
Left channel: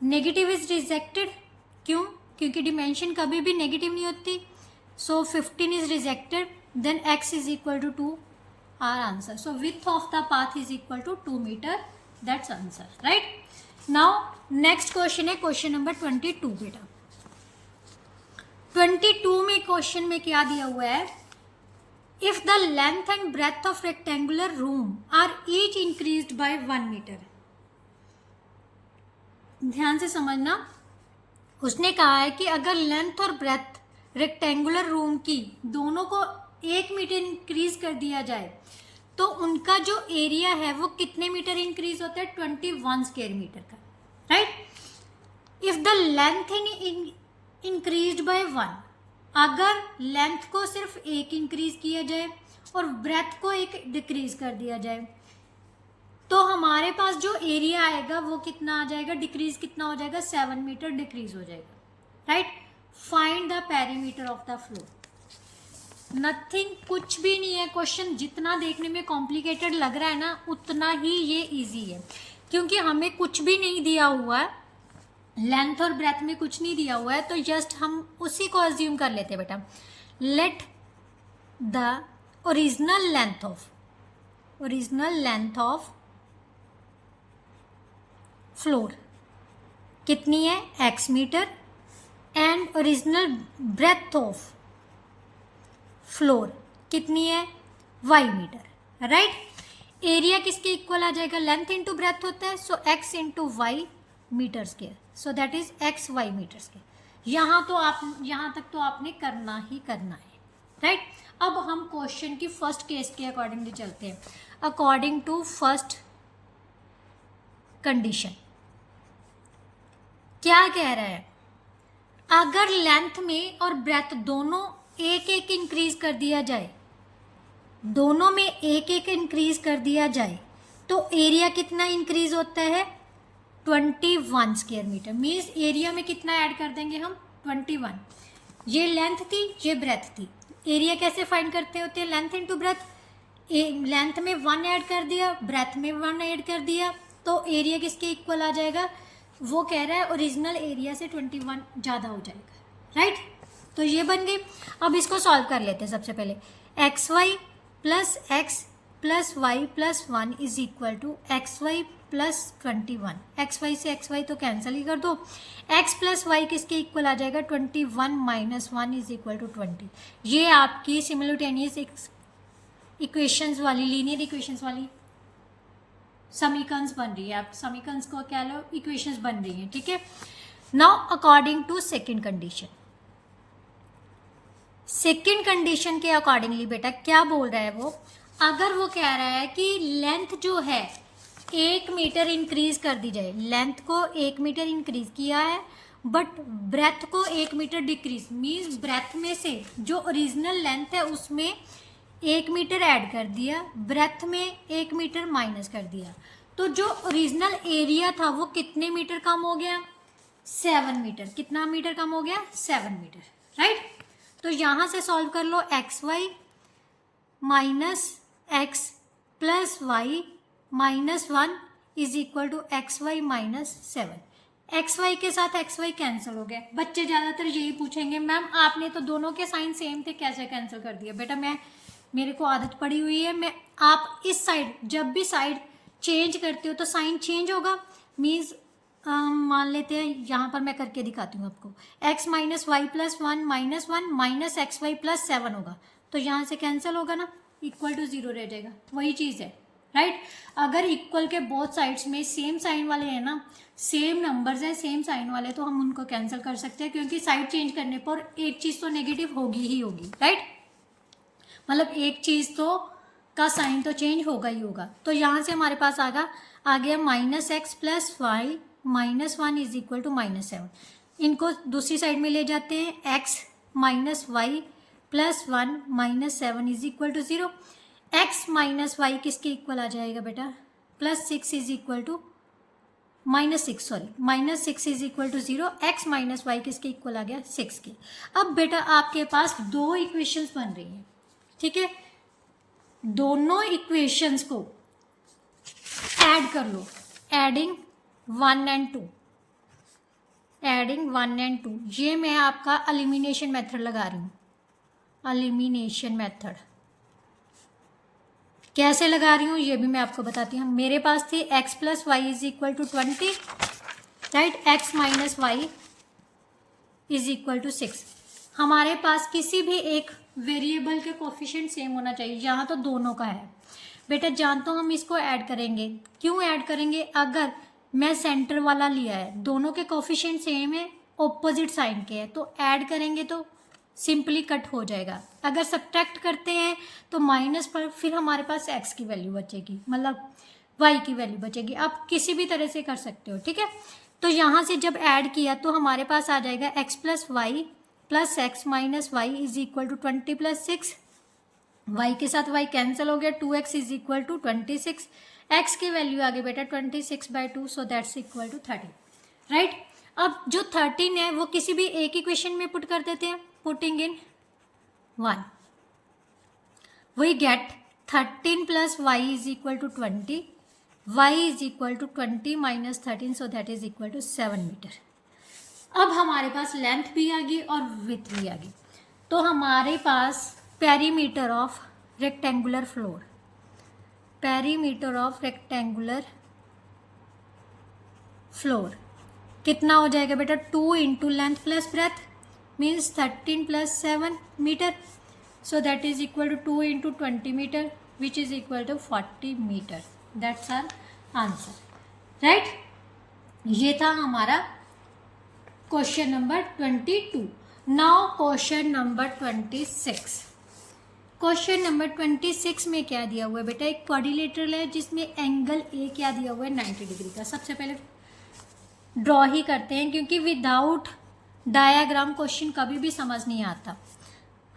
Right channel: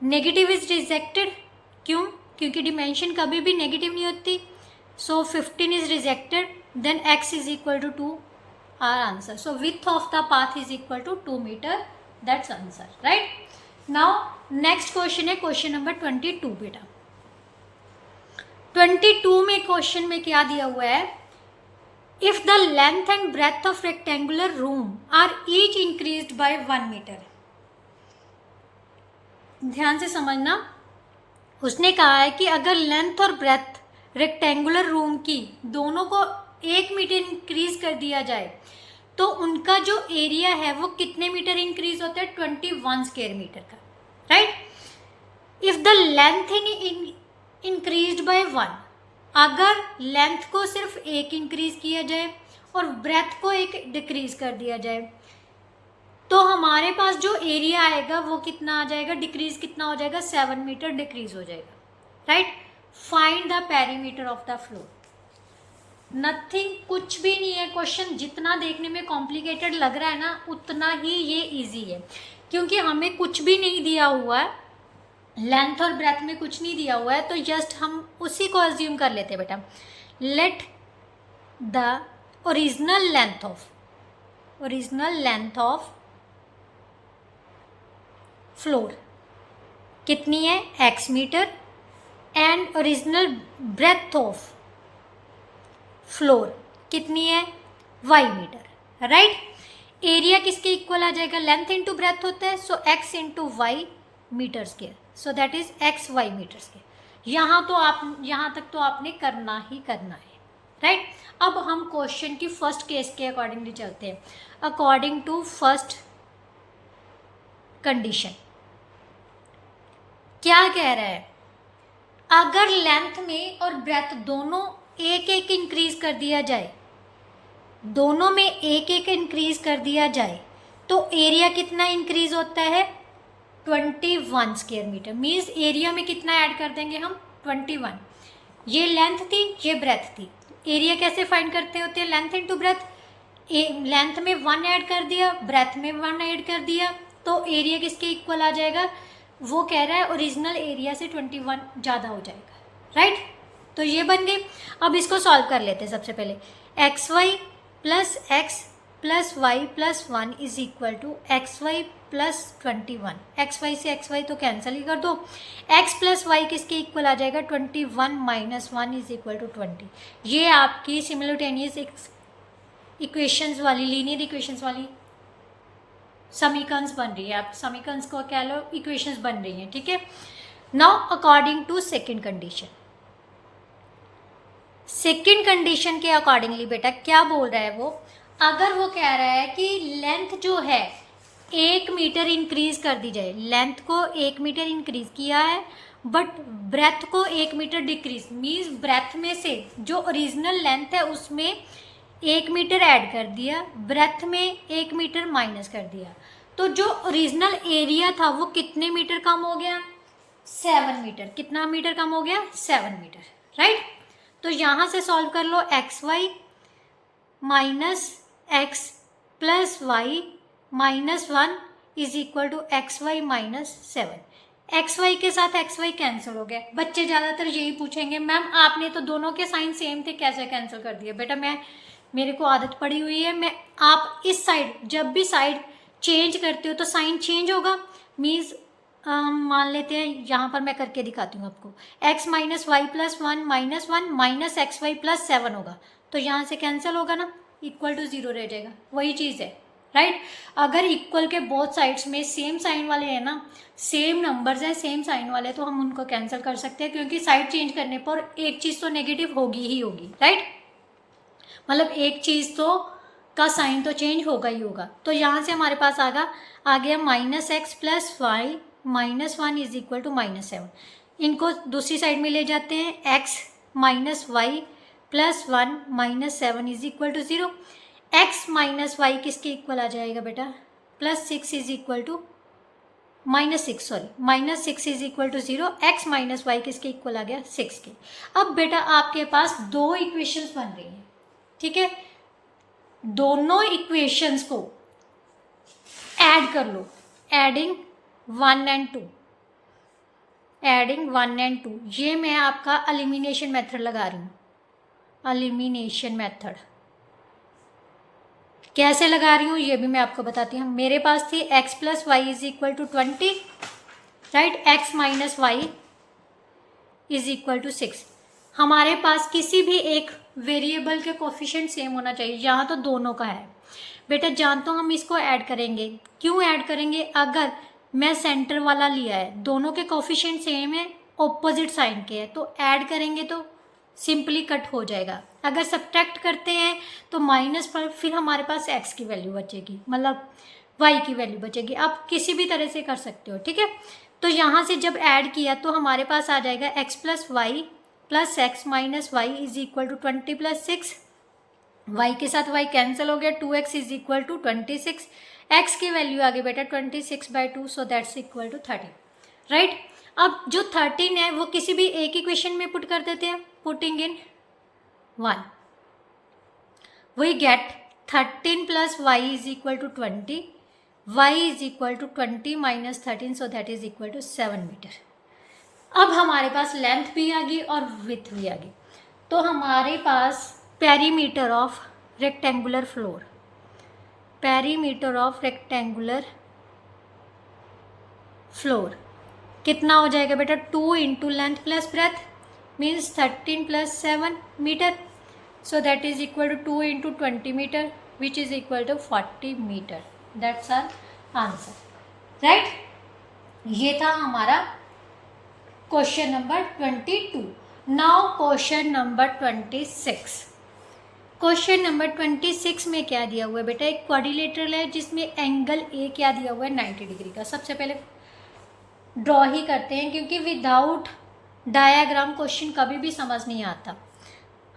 negative is rejected, क्यों, क्योंकि डिमेंशन कभी भी नेगेटिव नहीं होती। So 15 is rejected, then x is equal to 2, our answer. So width of the path is equal to 2 metre, that's answer, right. Now next question है question number 22 बेटा। 22 में question में क्या दिया हुआ है, if the length and breadth of rectangular room are each increased by 1 metre. ध्यान से समझना, उसने कहा है कि अगर लेंथ और ब्रेथ रेक्टेंगुलर रूम की दोनों को 1 मीटर इंक्रीज कर दिया जाए तो उनका जो एरिया है वो कितने मीटर इंक्रीज होता है, 21 स्क्वायर मीटर का, right. If the length increased by 1, अगर लेंथ को सिर्फ 1 इंक्रीज किया जाए और ब्रेथ को 1 डिक्रीज कर दिया जाए तो हमारे पास जो एरिया आएगा वो कितना आ जाएगा, डिक्रीज कितना हो जाएगा, 7 मीटर डिक्रीज हो जाएगा, right. Find the perimeter of the floor. Nothing, कुछ भी नहीं है। क्वेश्चन जितना देखने में कॉम्प्लिकेटेड लग रहा है ना, उतना ही ये इजी है, क्योंकि हमें कुछ भी नहीं दिया हुआ है, लेंथ और ब्रेथ में कुछ नहीं दिया हुआ है, तो जस्ट हम उसी को अज्यूम कर लेते हैं बेटा। Let the original length of floor कितनी है, x metre, and original breadth of floor कितनी है, y मीटर, राइट। एरिया किसके इक्वल आ जाएगा, लेंथ इंटू ब्रेथ होता है, so x into y metre square, so that is x y metre square. यहाँ तक तो आपने करना ही करना है, राइट। अब हम क्वेश्चन की फर्स्ट केस के अकॉर्डिंगली चलते हैं। अकॉर्डिंग टू फर्स्ट कंडीशन क्या कह रहा है, अगर लेंथ में और ब्रेथ दोनों एक एक इंक्रीज कर दिया जाए, दोनों में एक एक इंक्रीज कर दिया जाए, तो एरिया कितना इंक्रीज होता है, 21 स्क्वायर मीटर। मीन्स एरिया में कितना ऐड कर देंगे हम, 21। ये लेंथ थी, ये ब्रेथ थी। एरिया कैसे फाइंड करते होते हैं, लेंथ इंटू ब्रेथ। लेंथ में 1 ऐड कर दिया, ब्रेथ में 1 ऐड कर दिया, तो एरिया किसके इक्वल आ जाएगा, वो कह रहा है ओरिजिनल एरिया से 21 ज़्यादा हो जाएगा, राइट। तो ये बन गई। अब इसको सॉल्व कर लेते हैं। सबसे पहले x y plus x plus y plus 1 is equal to x y plus 21। X y से एक्स वाई तो कैंसिल ही कर दो। एक्स प्लस वाई किसके इक्वल आ जाएगा, 21 माइनस 1 इज इक्वल टू 20। ये आपकी सिमिलटेनियस इक्वेशंस वाली, लीनियर इक्वेशंस वाली समीकरण्स बन रही है। आप समीकरण्स को क्या लो, इक्वेशंस बन रही हैं, ठीक है। Now according to second condition, second condition के अकॉर्डिंगली बेटा क्या बोल रहा है वो, अगर वो कह रहा है कि लेंथ जो है 1 मीटर इंक्रीज कर दी जाए, लेंथ को 1 मीटर इंक्रीज किया है बट ब्रेथ को 1 मीटर डिक्रीज, मीन्स ब्रेथ में से जो ओरिजिनल लेंथ है उसमें 1 मीटर ऐड कर दिया, ब्रेथ में 1 मीटर माइनस कर दिया, तो जो ओरिजिनल एरिया था वो कितने मीटर कम हो गया, 7 मीटर। कितना मीटर कम हो गया, 7 मीटर, राइट। तो यहाँ से सॉल्व कर लो, x y minus x plus y minus 1 is equal to x y minus 7। X y के साथ एक्स वाई कैंसिल हो गया। बच्चे ज़्यादातर यही पूछेंगे, मैम आपने तो दोनों के साइन सेम थे, कैसे कैंसिल कर दिया। बेटा मेरे को आदत पड़ी हुई है, आप इस साइड जब भी साइड चेंज करते हो तो साइन चेंज होगा। मीन्स मान लेते हैं, यहाँ पर मैं करके दिखाती हूँ आपको, x minus y plus 1 minus 1 minus x y plus 7 होगा, तो यहाँ से कैंसिल होगा ना, इक्वल टू 0 रह जाएगा। वही चीज़ है, राइट। अगर इक्वल के बोथ साइड्स में सेम साइन वाले हैं ना, सेम नंबर्स हैं, सेम साइन वाले, तो हम उनको कैंसिल कर सकते हैं, क्योंकि साइड चेंज करने पर एक चीज़ तो नेगेटिव होगी ही होगी, राइट। मतलब एक चीज़ तो का साइन तो चेंज होगा ही होगा। तो यहाँ से हमारे पास आ गया minus x plus y minus 1 is equal to minus 7। इनको दूसरी साइड में ले जाते हैं, x minus y plus 1 minus 7 is equal to 0। X minus y किसके इक्वल आ जाएगा बेटा, plus 6 is equal to minus 6 is equal to 0। X minus y किसके इक्वल आ गया, 6 के। अब बेटा आपके पास दो इक्वेशंस बन रही हैं, ठीक है। दोनों इक्वेशंस को ऐड कर लो, एडिंग 1 एंड 2, एडिंग 1 एंड 2। ये मैं आपका एलिमिनेशन मेथड लगा रही हूँ। एलिमिनेशन मेथड कैसे लगा रही हूँ ये भी मैं आपको बताती हूँ। मेरे पास थी x plus y is equal to 20, right. x minus y is equal to 6। हमारे पास किसी भी एक वेरिएबल के कोफिशिएंट सेम होना चाहिए, यहाँ तो दोनों का है बेटा। जान तो हम इसको ऐड करेंगे, क्यों ऐड करेंगे, अगर मैं सेंटर वाला लिया है, दोनों के कोफिशिएंट सेम है, ऑपोजिट साइन के हैं, तो ऐड करेंगे तो सिंपली कट हो जाएगा। अगर सब्ट्रैक्ट करते हैं तो माइनस पर फिर हमारे पास x की वैल्यू बचेगी, मतलब y की वैल्यू बचेगी। आप किसी भी तरह से कर सकते हो, ठीक है। तो यहाँ से जब ऐड किया तो हमारे पास आ जाएगा x plus y plus x minus y is equal to 20 plus 6। y के साथ y कैंसिल हो गया, 2x is equal to 26। x की वैल्यू आ गई बेटा 26/2, so that's equal to 13, right. अब जो 13 है वो किसी भी एक इक्वेशन में पुट कर देते हैं, putting in 1 we get 13 plus y is equal to 20, y is equal to 20 minus 13, so that is equal to 7 metre. अब हमारे पास लेंथ भी आ गई और विड्थ भी आ गई, तो हमारे पास perimeter of rectangular floor, perimeter of rectangular floor कितना हो जाएगा बेटा, 2 into length plus breadth means 13 plus 7 metre. So that is equal to 2 into 20 metre which is equal to 40 metre. That's our answer. Right, ये था हमारा question number 22. Now question number 26. Question number 26 में क्या दिया हुआ है बेटा, एक क्वाड्रिलेटरल है जिसमें एंगल ए क्या दिया हुआ है, 90 डिग्री का. सबसे पहले ड्रॉ ही करते हैं क्योंकि विदाउट डायाग्राम क्वेश्चन कभी भी समझ नहीं आता.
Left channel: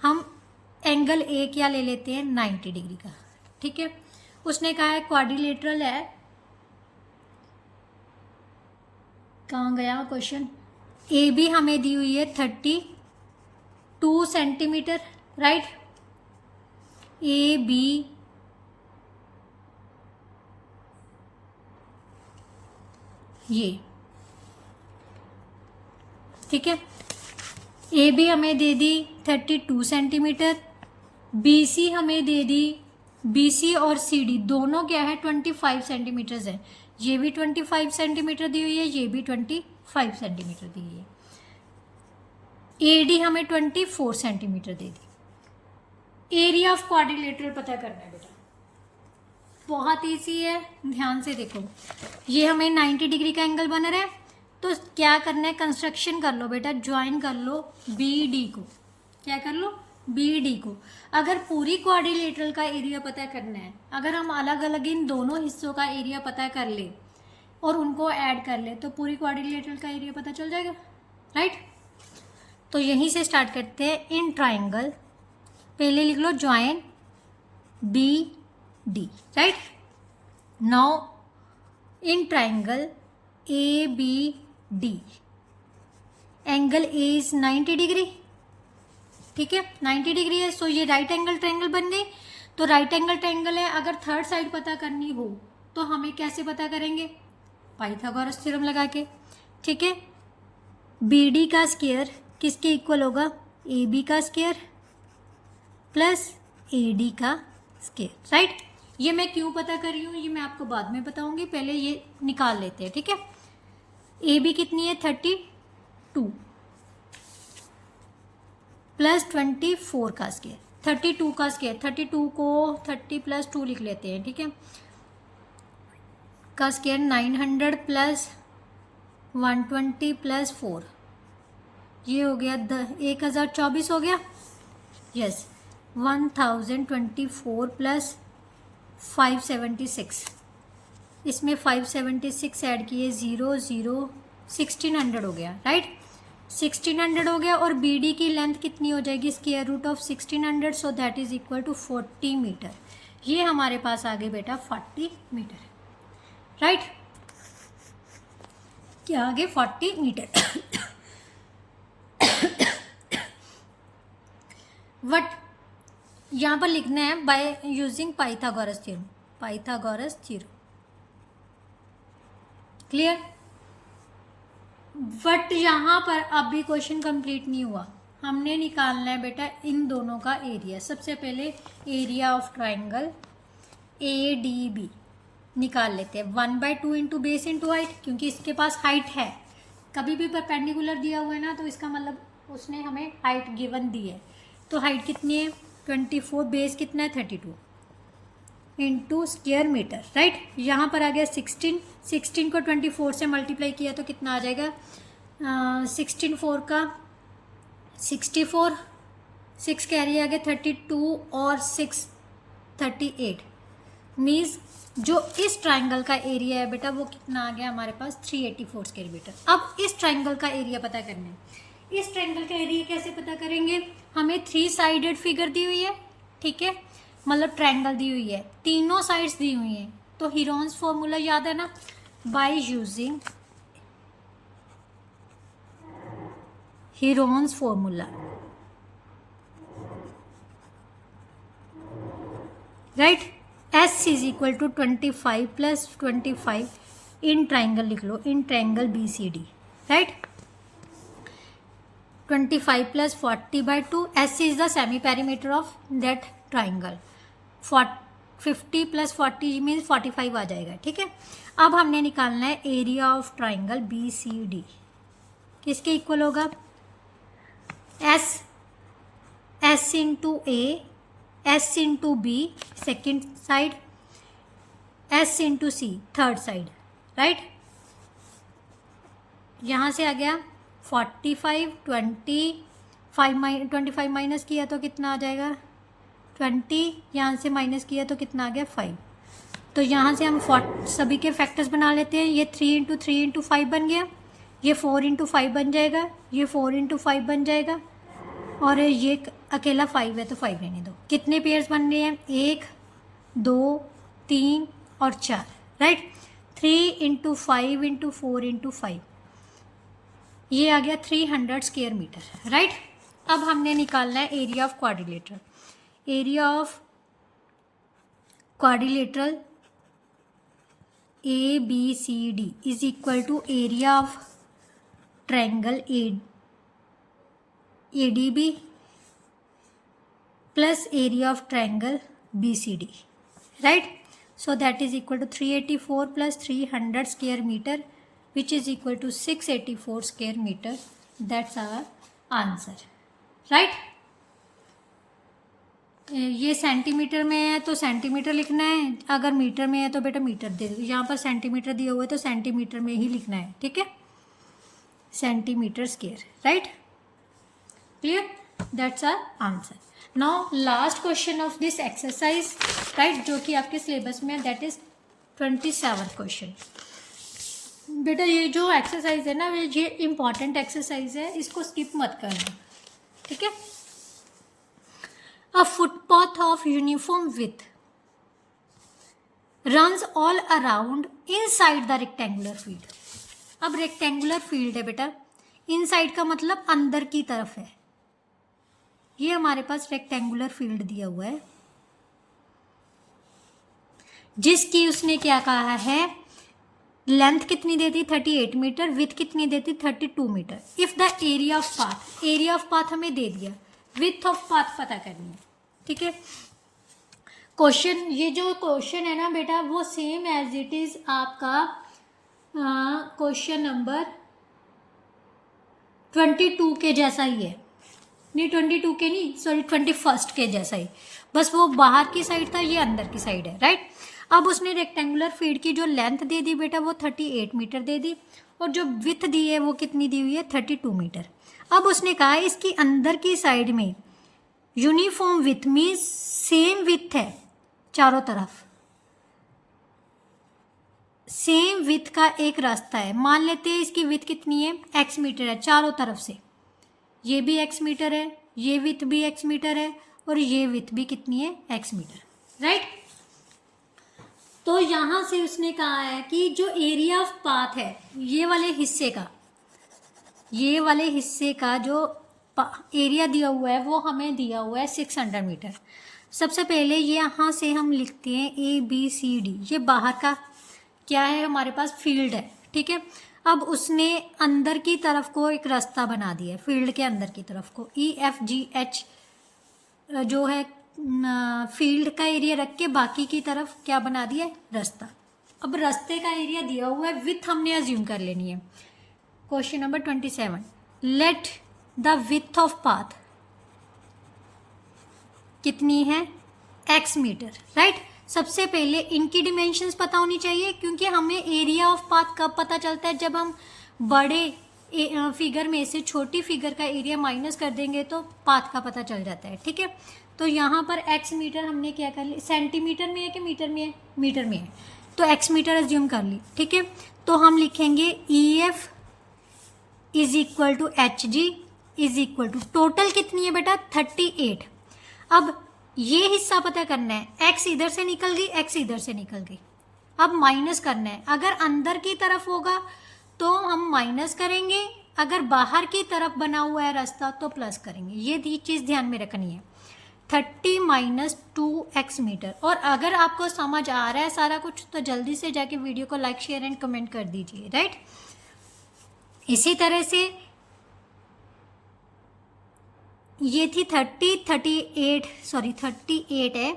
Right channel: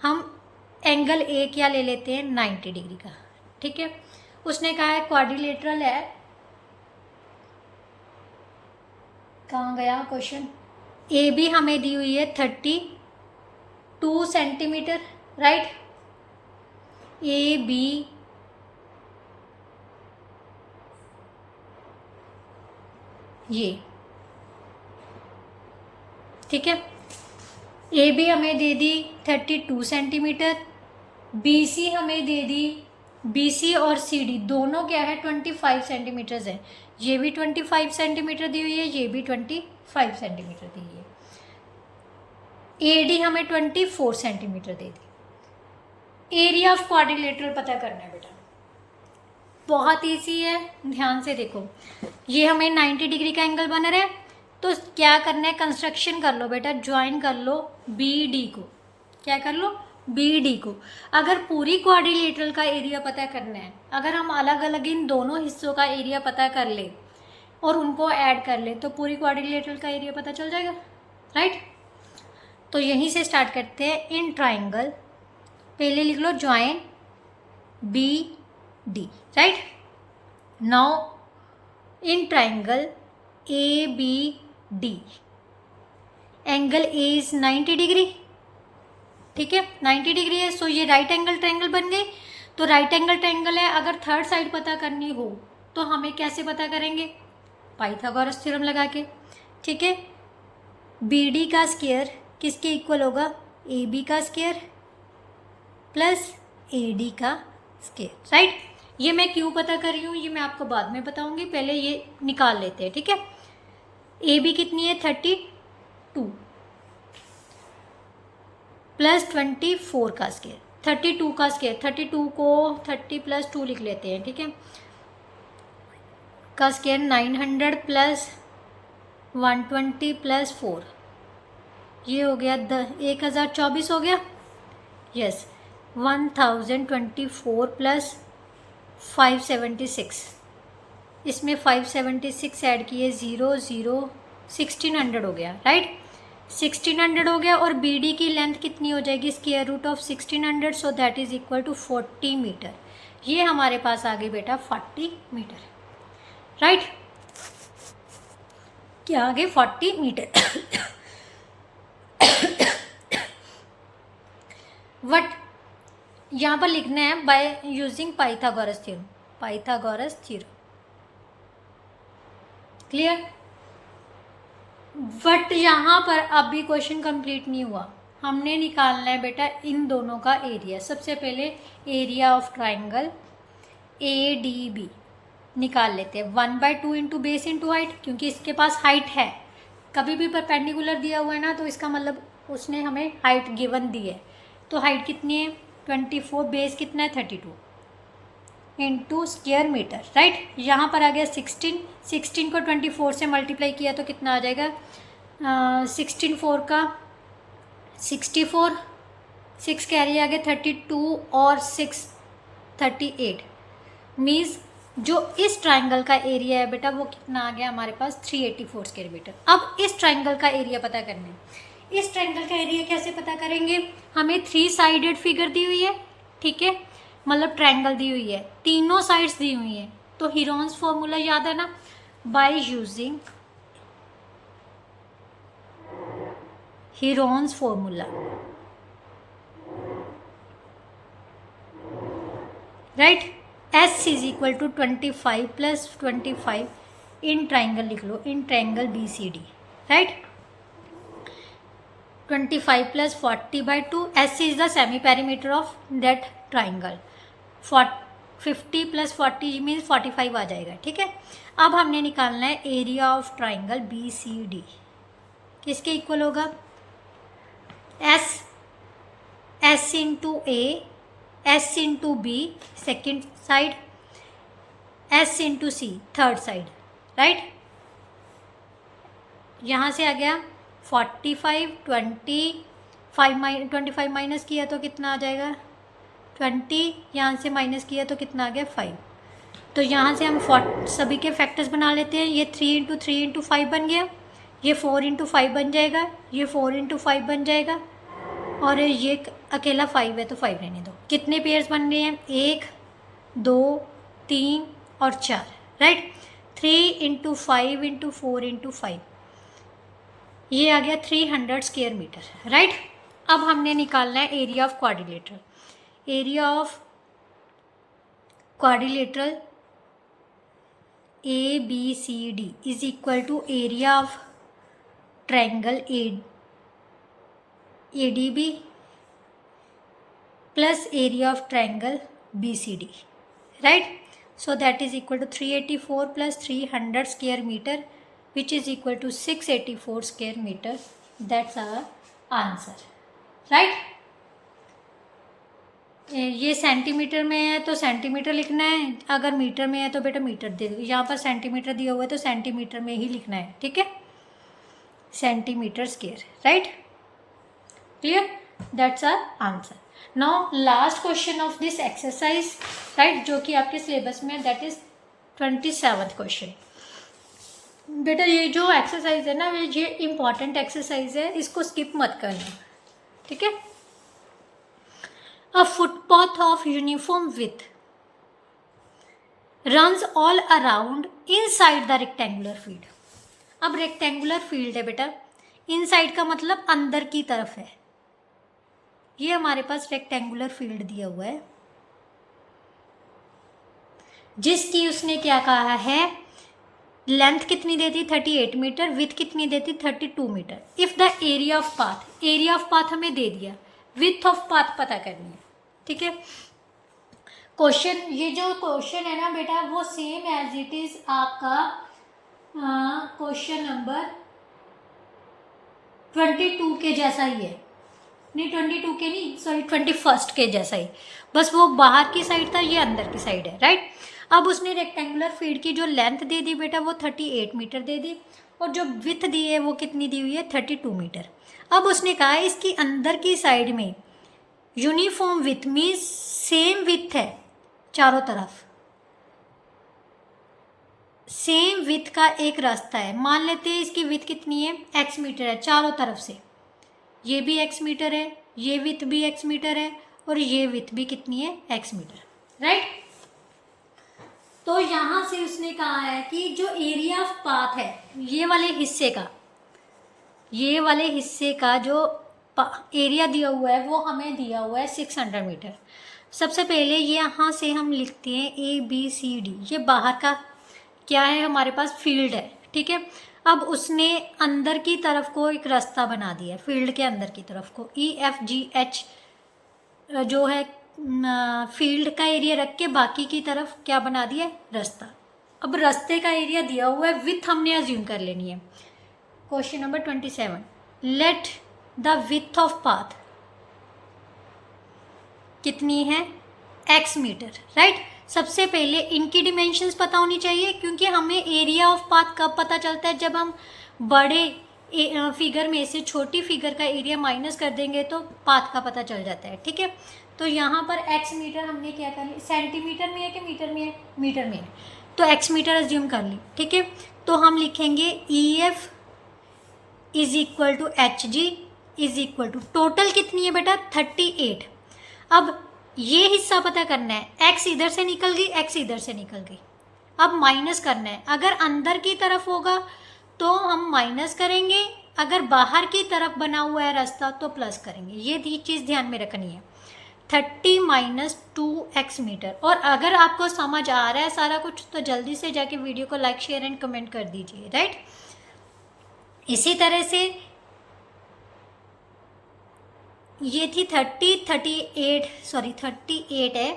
हम एंगल ए क्या ले लेते हैं, 90 डिग्री का. ठीक है, उसने कहा है क्वाड्रिलेटरल है. कहाँ गया क्वेश्चन. ए बी हमें दी हुई है 32 सेंटीमीटर. राइट, ए बी ये ठीक है, ए बी हमें दे दी 32 सेंटीमीटर. बी सी हमें दे दी, बी सी और सी डी दोनों क्या है 25 सेंटीमीटर्स है. ये भी 25 सेंटीमीटर दी हुई है, ये भी 25 सेंटीमीटर दी हुई है. ए डी हमें 24 centimetre they the. Area of quadrilateral पता करना है बेटा, बहुत ईजी है. ध्यान से देखो, ये हमें 90 डिग्री का एंगल बन रहा है. तो क्या करना है, कंस्ट्रक्शन कर लो बेटा, ज्वाइन कर लो बी डी को. क्या कर लो, बी डी को. अगर पूरी क्वाड्रिलेटरल का एरिया पता करना है, अगर हम अलग अलग इन दोनों हिस्सों का एरिया पता कर ले और उनको ऐड कर ले तो पूरी क्वाड्रिलेटरल का एरिया पता चल जाएगा. राइट, तो यहीं से स्टार्ट करते हैं. इन ट्राइंगल, पहले लिख लो join B D. Right, now in triangle A B D angle A is 90 degree. ठीक है, 90 डिग्री है. सो ये राइट एंगल ट्रायंगल बन गई. तो राइट एंगल ट्रायंगल है, अगर थर्ड साइड पता करनी हो तो हमें कैसे पता करेंगे, पाइथागोरस थ्योरम लगा के. ठीक है, बी डी का स्क्वायर किसके इक्वल होगा, ए बी का स्क्वायर प्लस ए डी का स्क्वायर. राइट, ये मैं क्यों पता कर रही हूँ ये मैं आपको बाद में बताऊँगी, पहले ये निकाल लेते हैं. ठीक है, ए बी कितनी है 32 प्लस 24 का स्क्वायर, 32 का स्क्वायर, 32 को 30 प्लस 2 लिख लेते हैं. ठीक है, का स्क्वायर 900 प्लस 120 प्लस 4, ये हो गया 1024 हो गया. यस, 1024 प्लस 576, इसमें 576 ऐड किए 0 0 1600 हो गया. राइट, 1600 हो गया. और बी डी की लेंथ कितनी हो जाएगी, square root of 1600. So that is equal to 40 metre. ये हमारे पास आ गई बेटा 40 मीटर. राइट, क्या आ गए 40 मीटर. वट यहाँ पर लिखना है by using Pythagoras theorem. Pythagoras theorem clear. But यहाँ पर अभी क्वेश्चन कंप्लीट नहीं हुआ. हमने निकालना है बेटा इन दोनों का एरिया. सबसे पहले area of triangle A D B निकाल लेते हैं. 1/2 इंटू बेस इंटू हाइट, क्योंकि इसके पास हाइट है. कभी भी परपेंडिकुलर दिया हुआ है ना तो इसका मतलब उसने हमें हाइट गिवन दी है. तो हाइट कितनी है 24, बेस कितना है 32 इंटू स्क्वायर मीटर. राइट, यहाँ पर आ गया 16 को 24 से मल्टीप्लाई किया तो कितना आ जाएगा, 16 4 का 64, 6 कैरी आ गया 32 और 6 38. मीन्स जो इस ट्राइंगल का एरिया है बेटा वो कितना आ गया हमारे पास 384 स्क्वायर मीटर. अब इस ट्राइंगल का एरिया पता करना है. इस ट्राइंगल का एरिया कैसे पता करेंगे, हमें 3 साइडेड फिगर दी हुई है. ठीक है, मतलब ट्रायंगल दी हुई है, तीनों साइड्स दी हुई हैं. तो हीरोन्स फॉर्मूला याद है ना, by using Heron's formula. Right, S is equal to 25 plus 25 in triangle लिख लो, in triangle B C D. Right, 25 plus 40/2. S is the semi perimeter of that triangle. 50 + 40 means 45 आ जाएगा, ठीक है। अब हमने निकालना है एरिया ऑफ ट्राइंगल BCD, किसके इक्वल होगा, S into A, S into B second side, S into C third side, right. यहाँ से आ गया 45, 25 माइनस किया तो कितना आ जाएगा 20, यहाँ से माइनस किया तो कितना आ गया 5। तो यहाँ से हम सभी के फैक्टर्स बना लेते हैं। ये 3 इंटू 3 इंटू 5 बन गया, ये 4 इंटू 5 बन जाएगा, ये 4 इंटू 5 बन जाएगा, और ये अकेला 5 है तो 5 रहने दो। कितने पेयर्स बन रहे हैं, 1 2 3 और 4, राइट। 3 इंटू 5 इंटू 4 इंटू 5, ये आ गया 300 स्क्वायर मीटर, राइट। अब हमने निकालना है area of quadrilateral. Area of quadrilateral ABCD is equal to area of triangle ADB plus area of triangle BCD, right. So that is equal to 384 plus 300 square meter, which is equal to 684 square meter. That's our answer, right? ये centimetre में है तो centimetre लिखना है, अगर metre में है तो बेटा मीटर दे दो। यहाँ पर सेंटीमीटर दिया हुआ है तो सेंटीमीटर में ही लिखना है, ठीक है, centimetre square, right. Clear, that's our answer. Now last question of this exercise, right, जो कि आपके सिलेबस में, दैट इज 27th क्वेश्चन। बेटा ये जो एक्सरसाइज है ना, ये इम्पॉर्टेंट एक्सरसाइज है, इसको स्किप मत करना, ठीक है। A footpath of uniform width runs all around inside the rectangular field. अब रेक्टेंगुलर फील्ड है बेटा, इनसाइड का मतलब अंदर की तरफ है। ये हमारे पास रेक्टेंगुलर फील्ड दिया हुआ है, जिसकी उसने क्या कहा है, लेंथ कितनी देती 38 मीटर, विथ कितनी देती 32 metre. If the area of path, area of path हमें दे दिया, विथ ऑफ पाथ पता करनी है, ठीक है। क्वेश्चन, ये जो क्वेश्चन है ना बेटा, वो सेम एज इट इज आपका क्वेश्चन नंबर 22 के जैसा ही है, नहीं 22 के नहीं, सॉरी 21 के जैसा ही, बस वो बाहर की साइड था, ये अंदर की साइड है, राइट। अब उसने रेक्टेंगुलर फील्ड की जो लेंथ दे दी बेटा वो 38 मीटर दे दी, और जो विथ दी है वो कितनी दी हुई है 32 मीटर। अब उसने कहा इसकी अंदर की साइड में uniform with means same with है चारों तरफ, सेम विथ का एक रास्ता है। मान लेते हैं इसकी विथ कितनी है, x मीटर है चारों तरफ से, ये भी x मीटर है, ये विथ भी x मीटर है, और ये विथ भी कितनी है x मीटर, राइट। तो यहाँ से उसने कहा है कि जो एरिया ऑफ पाथ है, ये वाले हिस्से का जो एरिया दिया हुआ है वो हमें दिया हुआ है 600 मीटर। सबसे पहले यहाँ से हम लिखते हैं ABCD, ये बाहर का क्या है हमारे पास, फील्ड है, ठीक है। अब उसने अंदर की तरफ को एक रास्ता बना दिया, फील्ड के अंदर की तरफ को EFGH जो है फील्ड का एरिया रख के बाकी की तरफ क्या बना दिया, रास्ता। अब रास्ते का एरिया दिया हुआ है, विथ हमने अज्यूम कर लेनी है। Question number 27, let the width of path कितनी है, x मीटर, राइट। सबसे पहले इनकी डिमेंशंस पता होनी चाहिए, क्योंकि हमें एरिया ऑफ पाथ कब पता चलता है, जब हम बड़े फिगर में से छोटी फिगर का एरिया माइनस कर देंगे तो पाथ का पता चल जाता है, ठीक है। तो यहाँ पर x मीटर हमने क्या कर ली, सेंटीमीटर में है कि मीटर में है, मीटर में है, तो x मीटर अज्यूम कर ली, ठीक है। तो हम लिखेंगे EF is equal to HG is equal to, total कितनी है बेटा 38। अब ये हिस्सा पता करना है, x इधर से निकल गई, x इधर से निकल गई, अब माइनस करना है। अगर अंदर की तरफ होगा तो हम माइनस करेंगे, अगर बाहर की तरफ बना हुआ है रास्ता तो प्लस करेंगे। ये चीज़ ध्यान में रखनी है, 30 माइनस 2x मीटर। और अगर आपको समझ आ रहा है सारा कुछ तो जल्दी से जाके वीडियो को लाइक शेयर एंड कमेंट कर दीजिए, राइट। इसी तरह से ये थी 38 है,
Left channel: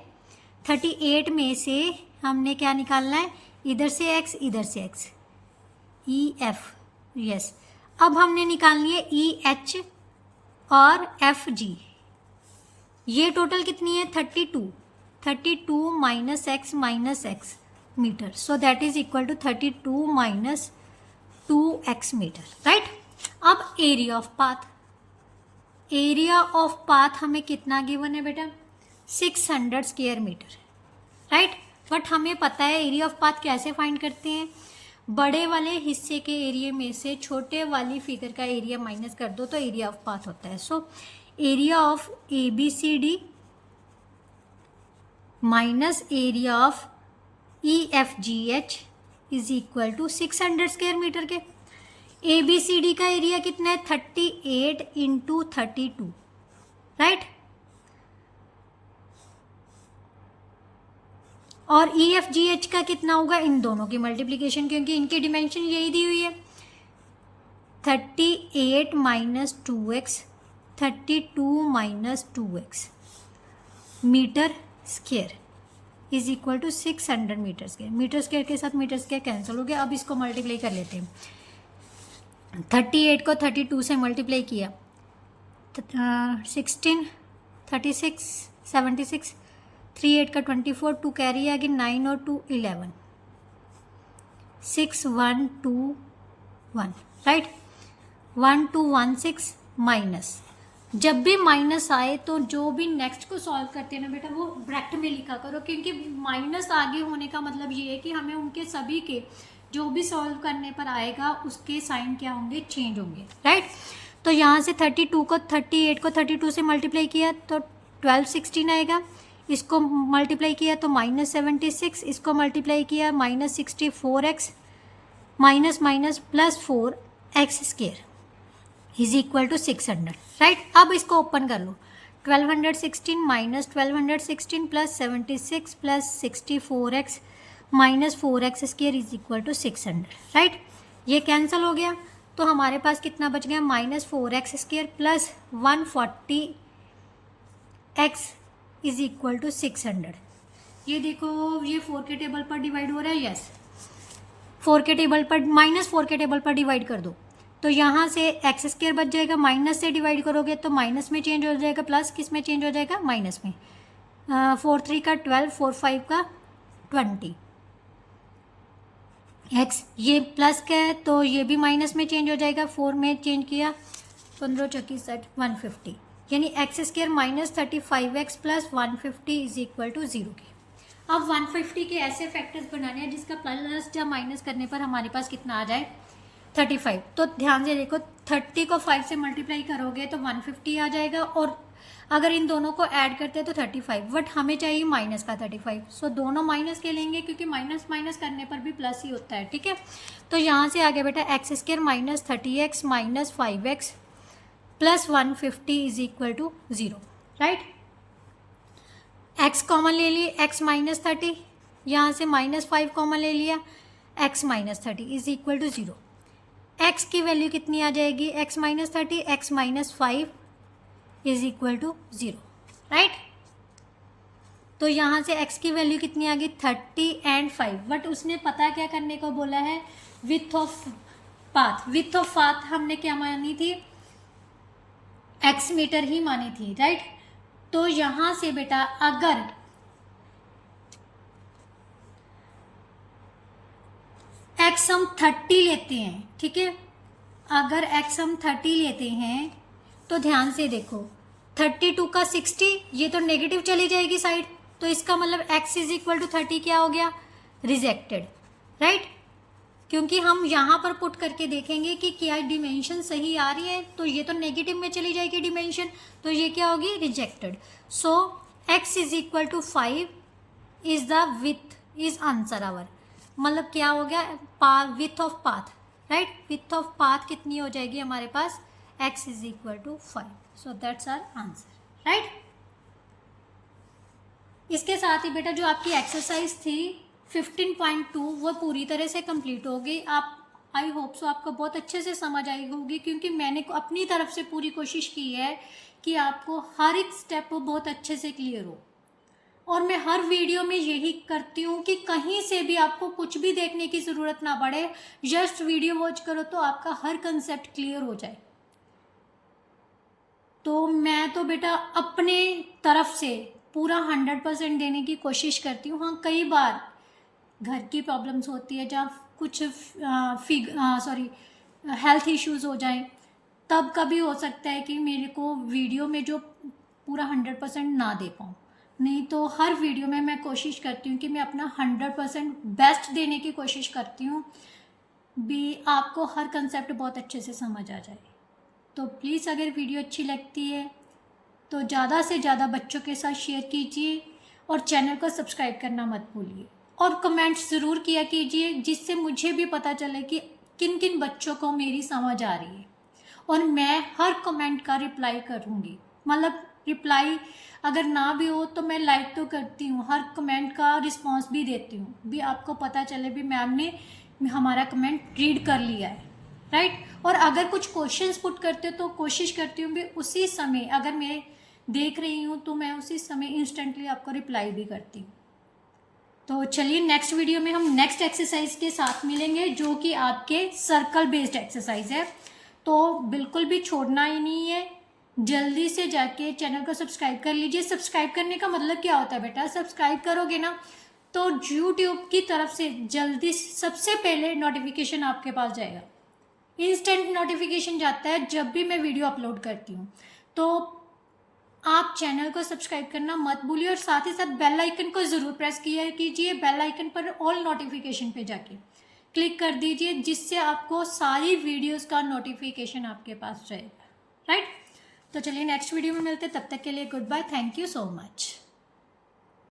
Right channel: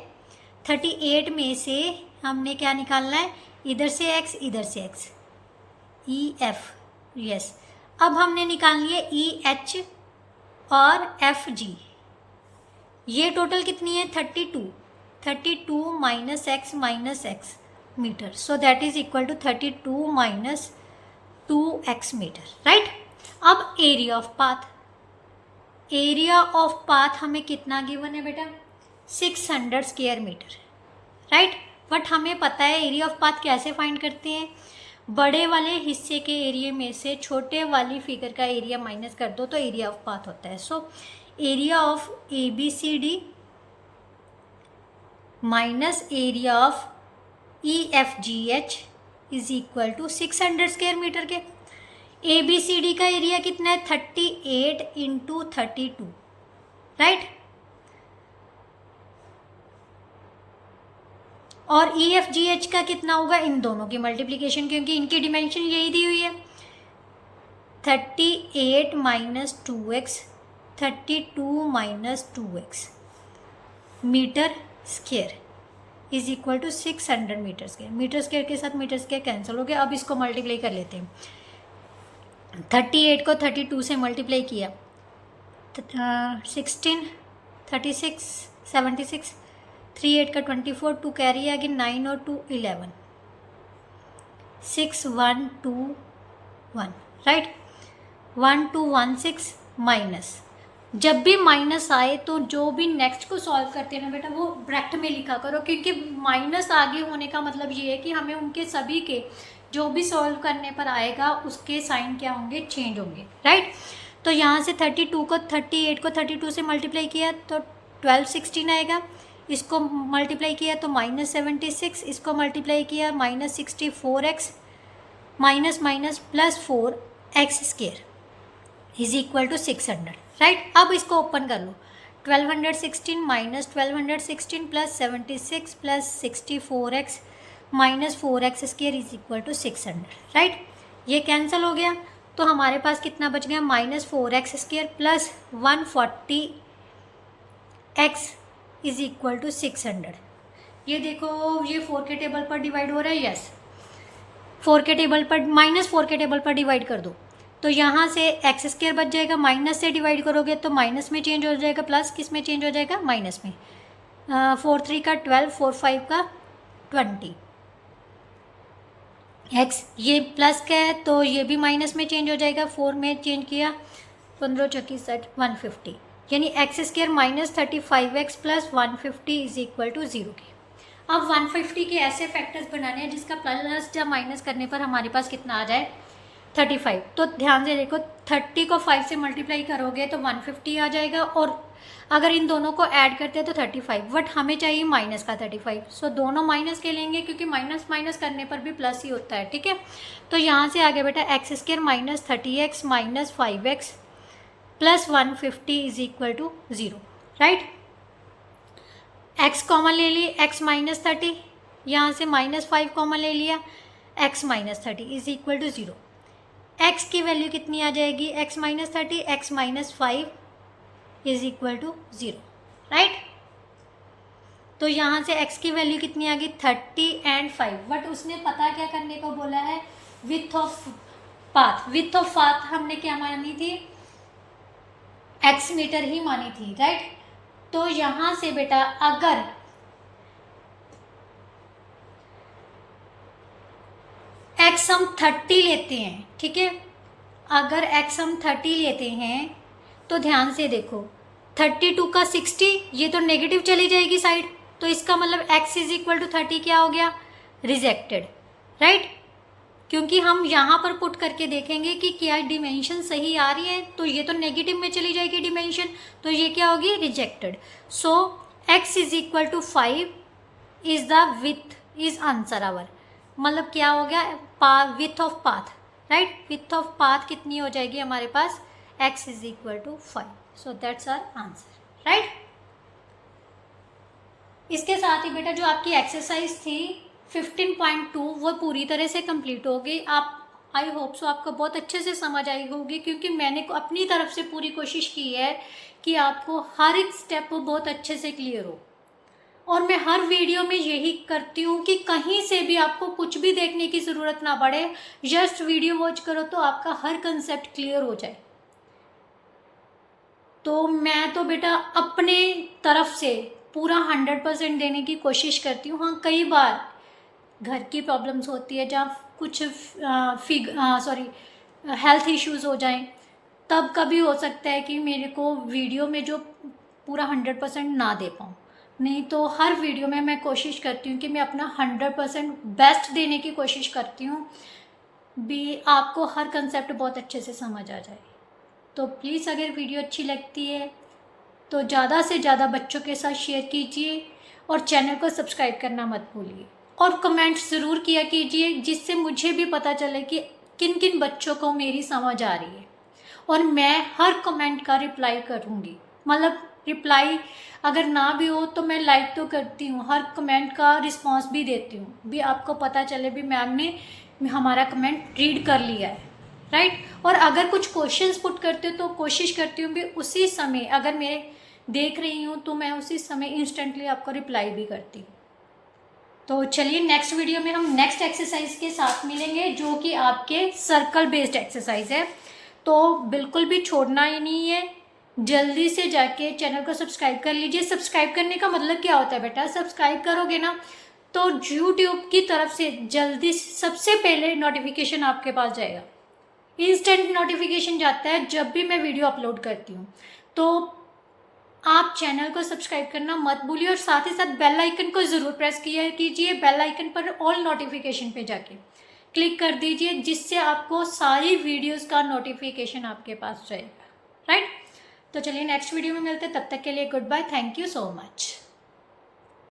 38 में से हमने क्या निकालना है, इधर से x इधर से x, ई एफ, यस। अब हमने निकालनी है ई एच और एफ जी। ये टोटल कितनी है, 32 minus x metre, so that is equal to 32 minus 2x metre, right. अब एरिया ऑफ पाथ हमें कितना गिवन है बेटा, 600 स्क्वायर मीटर, राइट। बट हमें पता है एरिया ऑफ पाथ कैसे फाइंड करते हैं, बड़े वाले हिस्से के एरिया में से छोटे वाली फिगर का एरिया माइनस कर दो तो एरिया ऑफ पाथ होता है। So area of ABCD minus area of EFGH is equal to 600 square metre के। ABCD का एरिया कितना है, 38 इंटू 32, राइट। और EFGH का कितना होगा, इन दोनों की मल्टीप्लिकेशन, क्योंकि इनकी डिमेंशन यही दी हुई है, 38 minus 2x, 32 minus 2x metre square is equal to 600 metre square. Metre square के साथ मीटर स्क्वायर कैंसिल हो गया। अब इसको मल्टीप्लाई कर लेते हैं। 38 को 32 से मल्टीप्लाई किया, 16, 36, 76, 3 8 का 24, 2 कैरी आ गई, 9 और 2 11, 6 1 2 1, राइट। 1 2 1 6 माइनस, जब भी माइनस आए तो जो भी नेक्स्ट को सॉल्व करते हैं ना बेटा, वो ब्रैकेट में लिखा करो, क्योंकि माइनस आगे होने का मतलब ये है कि हमें उनके सभी के जो भी सॉल्व करने पर आएगा उसके साइन क्या होंगे, चेंज होंगे, राइट। तो यहाँ से 38 को 32 से मल्टीप्लाई किया तो 1216 आएगा। इसको मल्टीप्लाई किया तो -76, इसको मल्टीप्लाई किया -64x minus minus plus 4x square is equal to 600, right. अब इसको ओपन कर लो, 1216 minus 1216 plus 76 plus 64x minus 4x square is equal to 600, right. ये कैंसिल हो गया तो हमारे पास कितना बच गया, -4x square plus 140x is equal to 600। ये देखो, ये 4 के टेबल पर डिवाइड हो रहा है, यस। 4 के टेबल पर -4 के टेबल पर डिवाइड कर दो तो यहाँ से x स्क्वायर बच जाएगा, माइनस से डिवाइड करोगे तो माइनस में चेंज हो जाएगा, प्लस किस में चेंज हो जाएगा, माइनस में। 4 3 का 12, 4 5 का 20 x, ये प्लस का है तो ये भी माइनस में चेंज हो जाएगा, 4 में चेंज किया, 15 चौकी 60, 150, यानी x square minus 35x plus 150 is equal to 0 के। अब 150 के ऐसे फैक्टर्स बनाने हैं जिसका प्लस या माइनस करने पर हमारे पास कितना आ जाए, 35। तो ध्यान से देखो, 30 को 5 से मल्टीप्लाई करोगे तो 150 आ जाएगा, और अगर इन दोनों को ऐड करते हैं तो 35, बट हमें चाहिए माइनस का 35। सो दोनों माइनस के लेंगे क्योंकि माइनस माइनस करने पर भी प्लस ही होता है, ठीक है। तो यहाँ से आगे बेटा x square minus 30x minus 5x plus 150 is equal to 0, right. x common ले लिए, x माइनस 30, यहाँ से -5 कॉमन ले लिया, x minus 30 is equal to 0। x की वैल्यू कितनी आ जाएगी, x minus 30, x minus 5 is equal to 0, right. तो यहाँ से x की वैल्यू कितनी आ गई, 30 एंड 5, बट उसने पता क्या करने को बोला है, width of path. With of path हमने क्या मानी थी, x मीटर ही मानी थी, राइट। तो यहाँ से बेटा अगर x हम 30 लेते हैं, ठीक है, अगर x हम 30 लेते हैं तो ध्यान से देखो, 32 का 60, ये तो नेगेटिव चली जाएगी साइड, तो इसका मतलब x इज इक्वल टू 30 क्या हो गया, रिजेक्टेड, राइट। क्योंकि हम यहाँ पर पुट करके देखेंगे कि क्या डिमेंशन सही आ रही है, तो ये तो नेगेटिव में चली जाएगी डिमेंशन, तो ये क्या होगी, rejected. So x is equal to 5 is the width is answer our, मतलब क्या हो गया, width of path, right. Width of path कितनी हो जाएगी हमारे पास, x is equal to 5, so that's our answer, right. इसके साथ ही बेटा जो आपकी एक्सरसाइज थी 15.2 वो पूरी तरह से कंप्लीट हो गई। आप, आई होप सो आपको बहुत अच्छे से समझ आई होगी, क्योंकि मैंने अपनी तरफ से पूरी कोशिश की है कि आपको हर एक स्टेप बहुत अच्छे से क्लियर हो। और मैं हर वीडियो में यही करती हूँ कि कहीं से भी आपको कुछ भी देखने की ज़रूरत ना पड़े, जस्ट वीडियो वॉच करो तो आपका हर कंसेप्ट क्लियर हो जाए। तो मैं तो बेटा अपने तरफ से पूरा 100% देने की कोशिश करती हूँ। हाँ, कई बार घर की प्रॉब्लम्स होती है जहाँ कुछ हेल्थ इश्यूज़ हो जाएं, तब कभी हो सकता है कि मेरे को वीडियो में जो पूरा 100% ना दे पाऊँ। नहीं तो हर वीडियो में मैं कोशिश करती हूँ कि मैं अपना 100% बेस्ट देने की कोशिश करती हूँ, भी आपको हर कंसेप्ट बहुत अच्छे से समझ आ जाए। तो प्लीज़ अगर वीडियो अच्छी लगती है तो ज़्यादा से ज़्यादा बच्चों के साथ शेयर कीजिए और चैनल को सब्सक्राइब करना मत भूलिए और कमेंट्स ज़रूर किया कीजिए, जिससे मुझे भी पता चले कि किन किन बच्चों को मेरी समझ आ रही है। और मैं हर कमेंट का रिप्लाई करूँगी, मतलब रिप्लाई अगर ना भी हो तो मैं लाइक तो करती हूँ, हर कमेंट का रिस्पॉन्स भी देती हूँ, भी आपको पता चले भी मैम ने हमारा कमेंट रीड कर लिया है, राइट। और अगर कुछ क्वेश्चंस पुट करते हो तो कोशिश करती हूँ भी उसी समय, अगर मैं देख रही हूँ तो मैं उसी समय इंस्टेंटली आपको रिप्लाई भी करती हूँ। तो चलिए नेक्स्ट वीडियो में हम नेक्स्ट एक्सरसाइज के साथ मिलेंगे, जो कि आपके सर्कल बेस्ड एक्सरसाइज है। तो बिल्कुल भी छोड़ना ही नहीं है, जल्दी से जाके चैनल को सब्सक्राइब कर लीजिए। सब्सक्राइब करने का मतलब क्या होता है बेटा, सब्सक्राइब करोगे ना तो यूट्यूब की तरफ से जल्दी सबसे पहले नोटिफिकेशन आपके पास जाएगा, इंस्टेंट नोटिफिकेशन जाता है जब भी मैं वीडियो अपलोड करती हूँ। तो आप चैनल को सब्सक्राइब करना मत भूलिए और साथ ही साथ बेल आइकन को ज़रूर प्रेस किया कीजिए। बेल आइकन पर ऑल नोटिफिकेशन पे जाके क्लिक कर दीजिए, जिससे आपको सारी वीडियोस का नोटिफिकेशन आपके पास रहेगा, राइट। तो चलिए नेक्स्ट वीडियो में मिलते हैं, तब तक के लिए goodbye, thank you so much.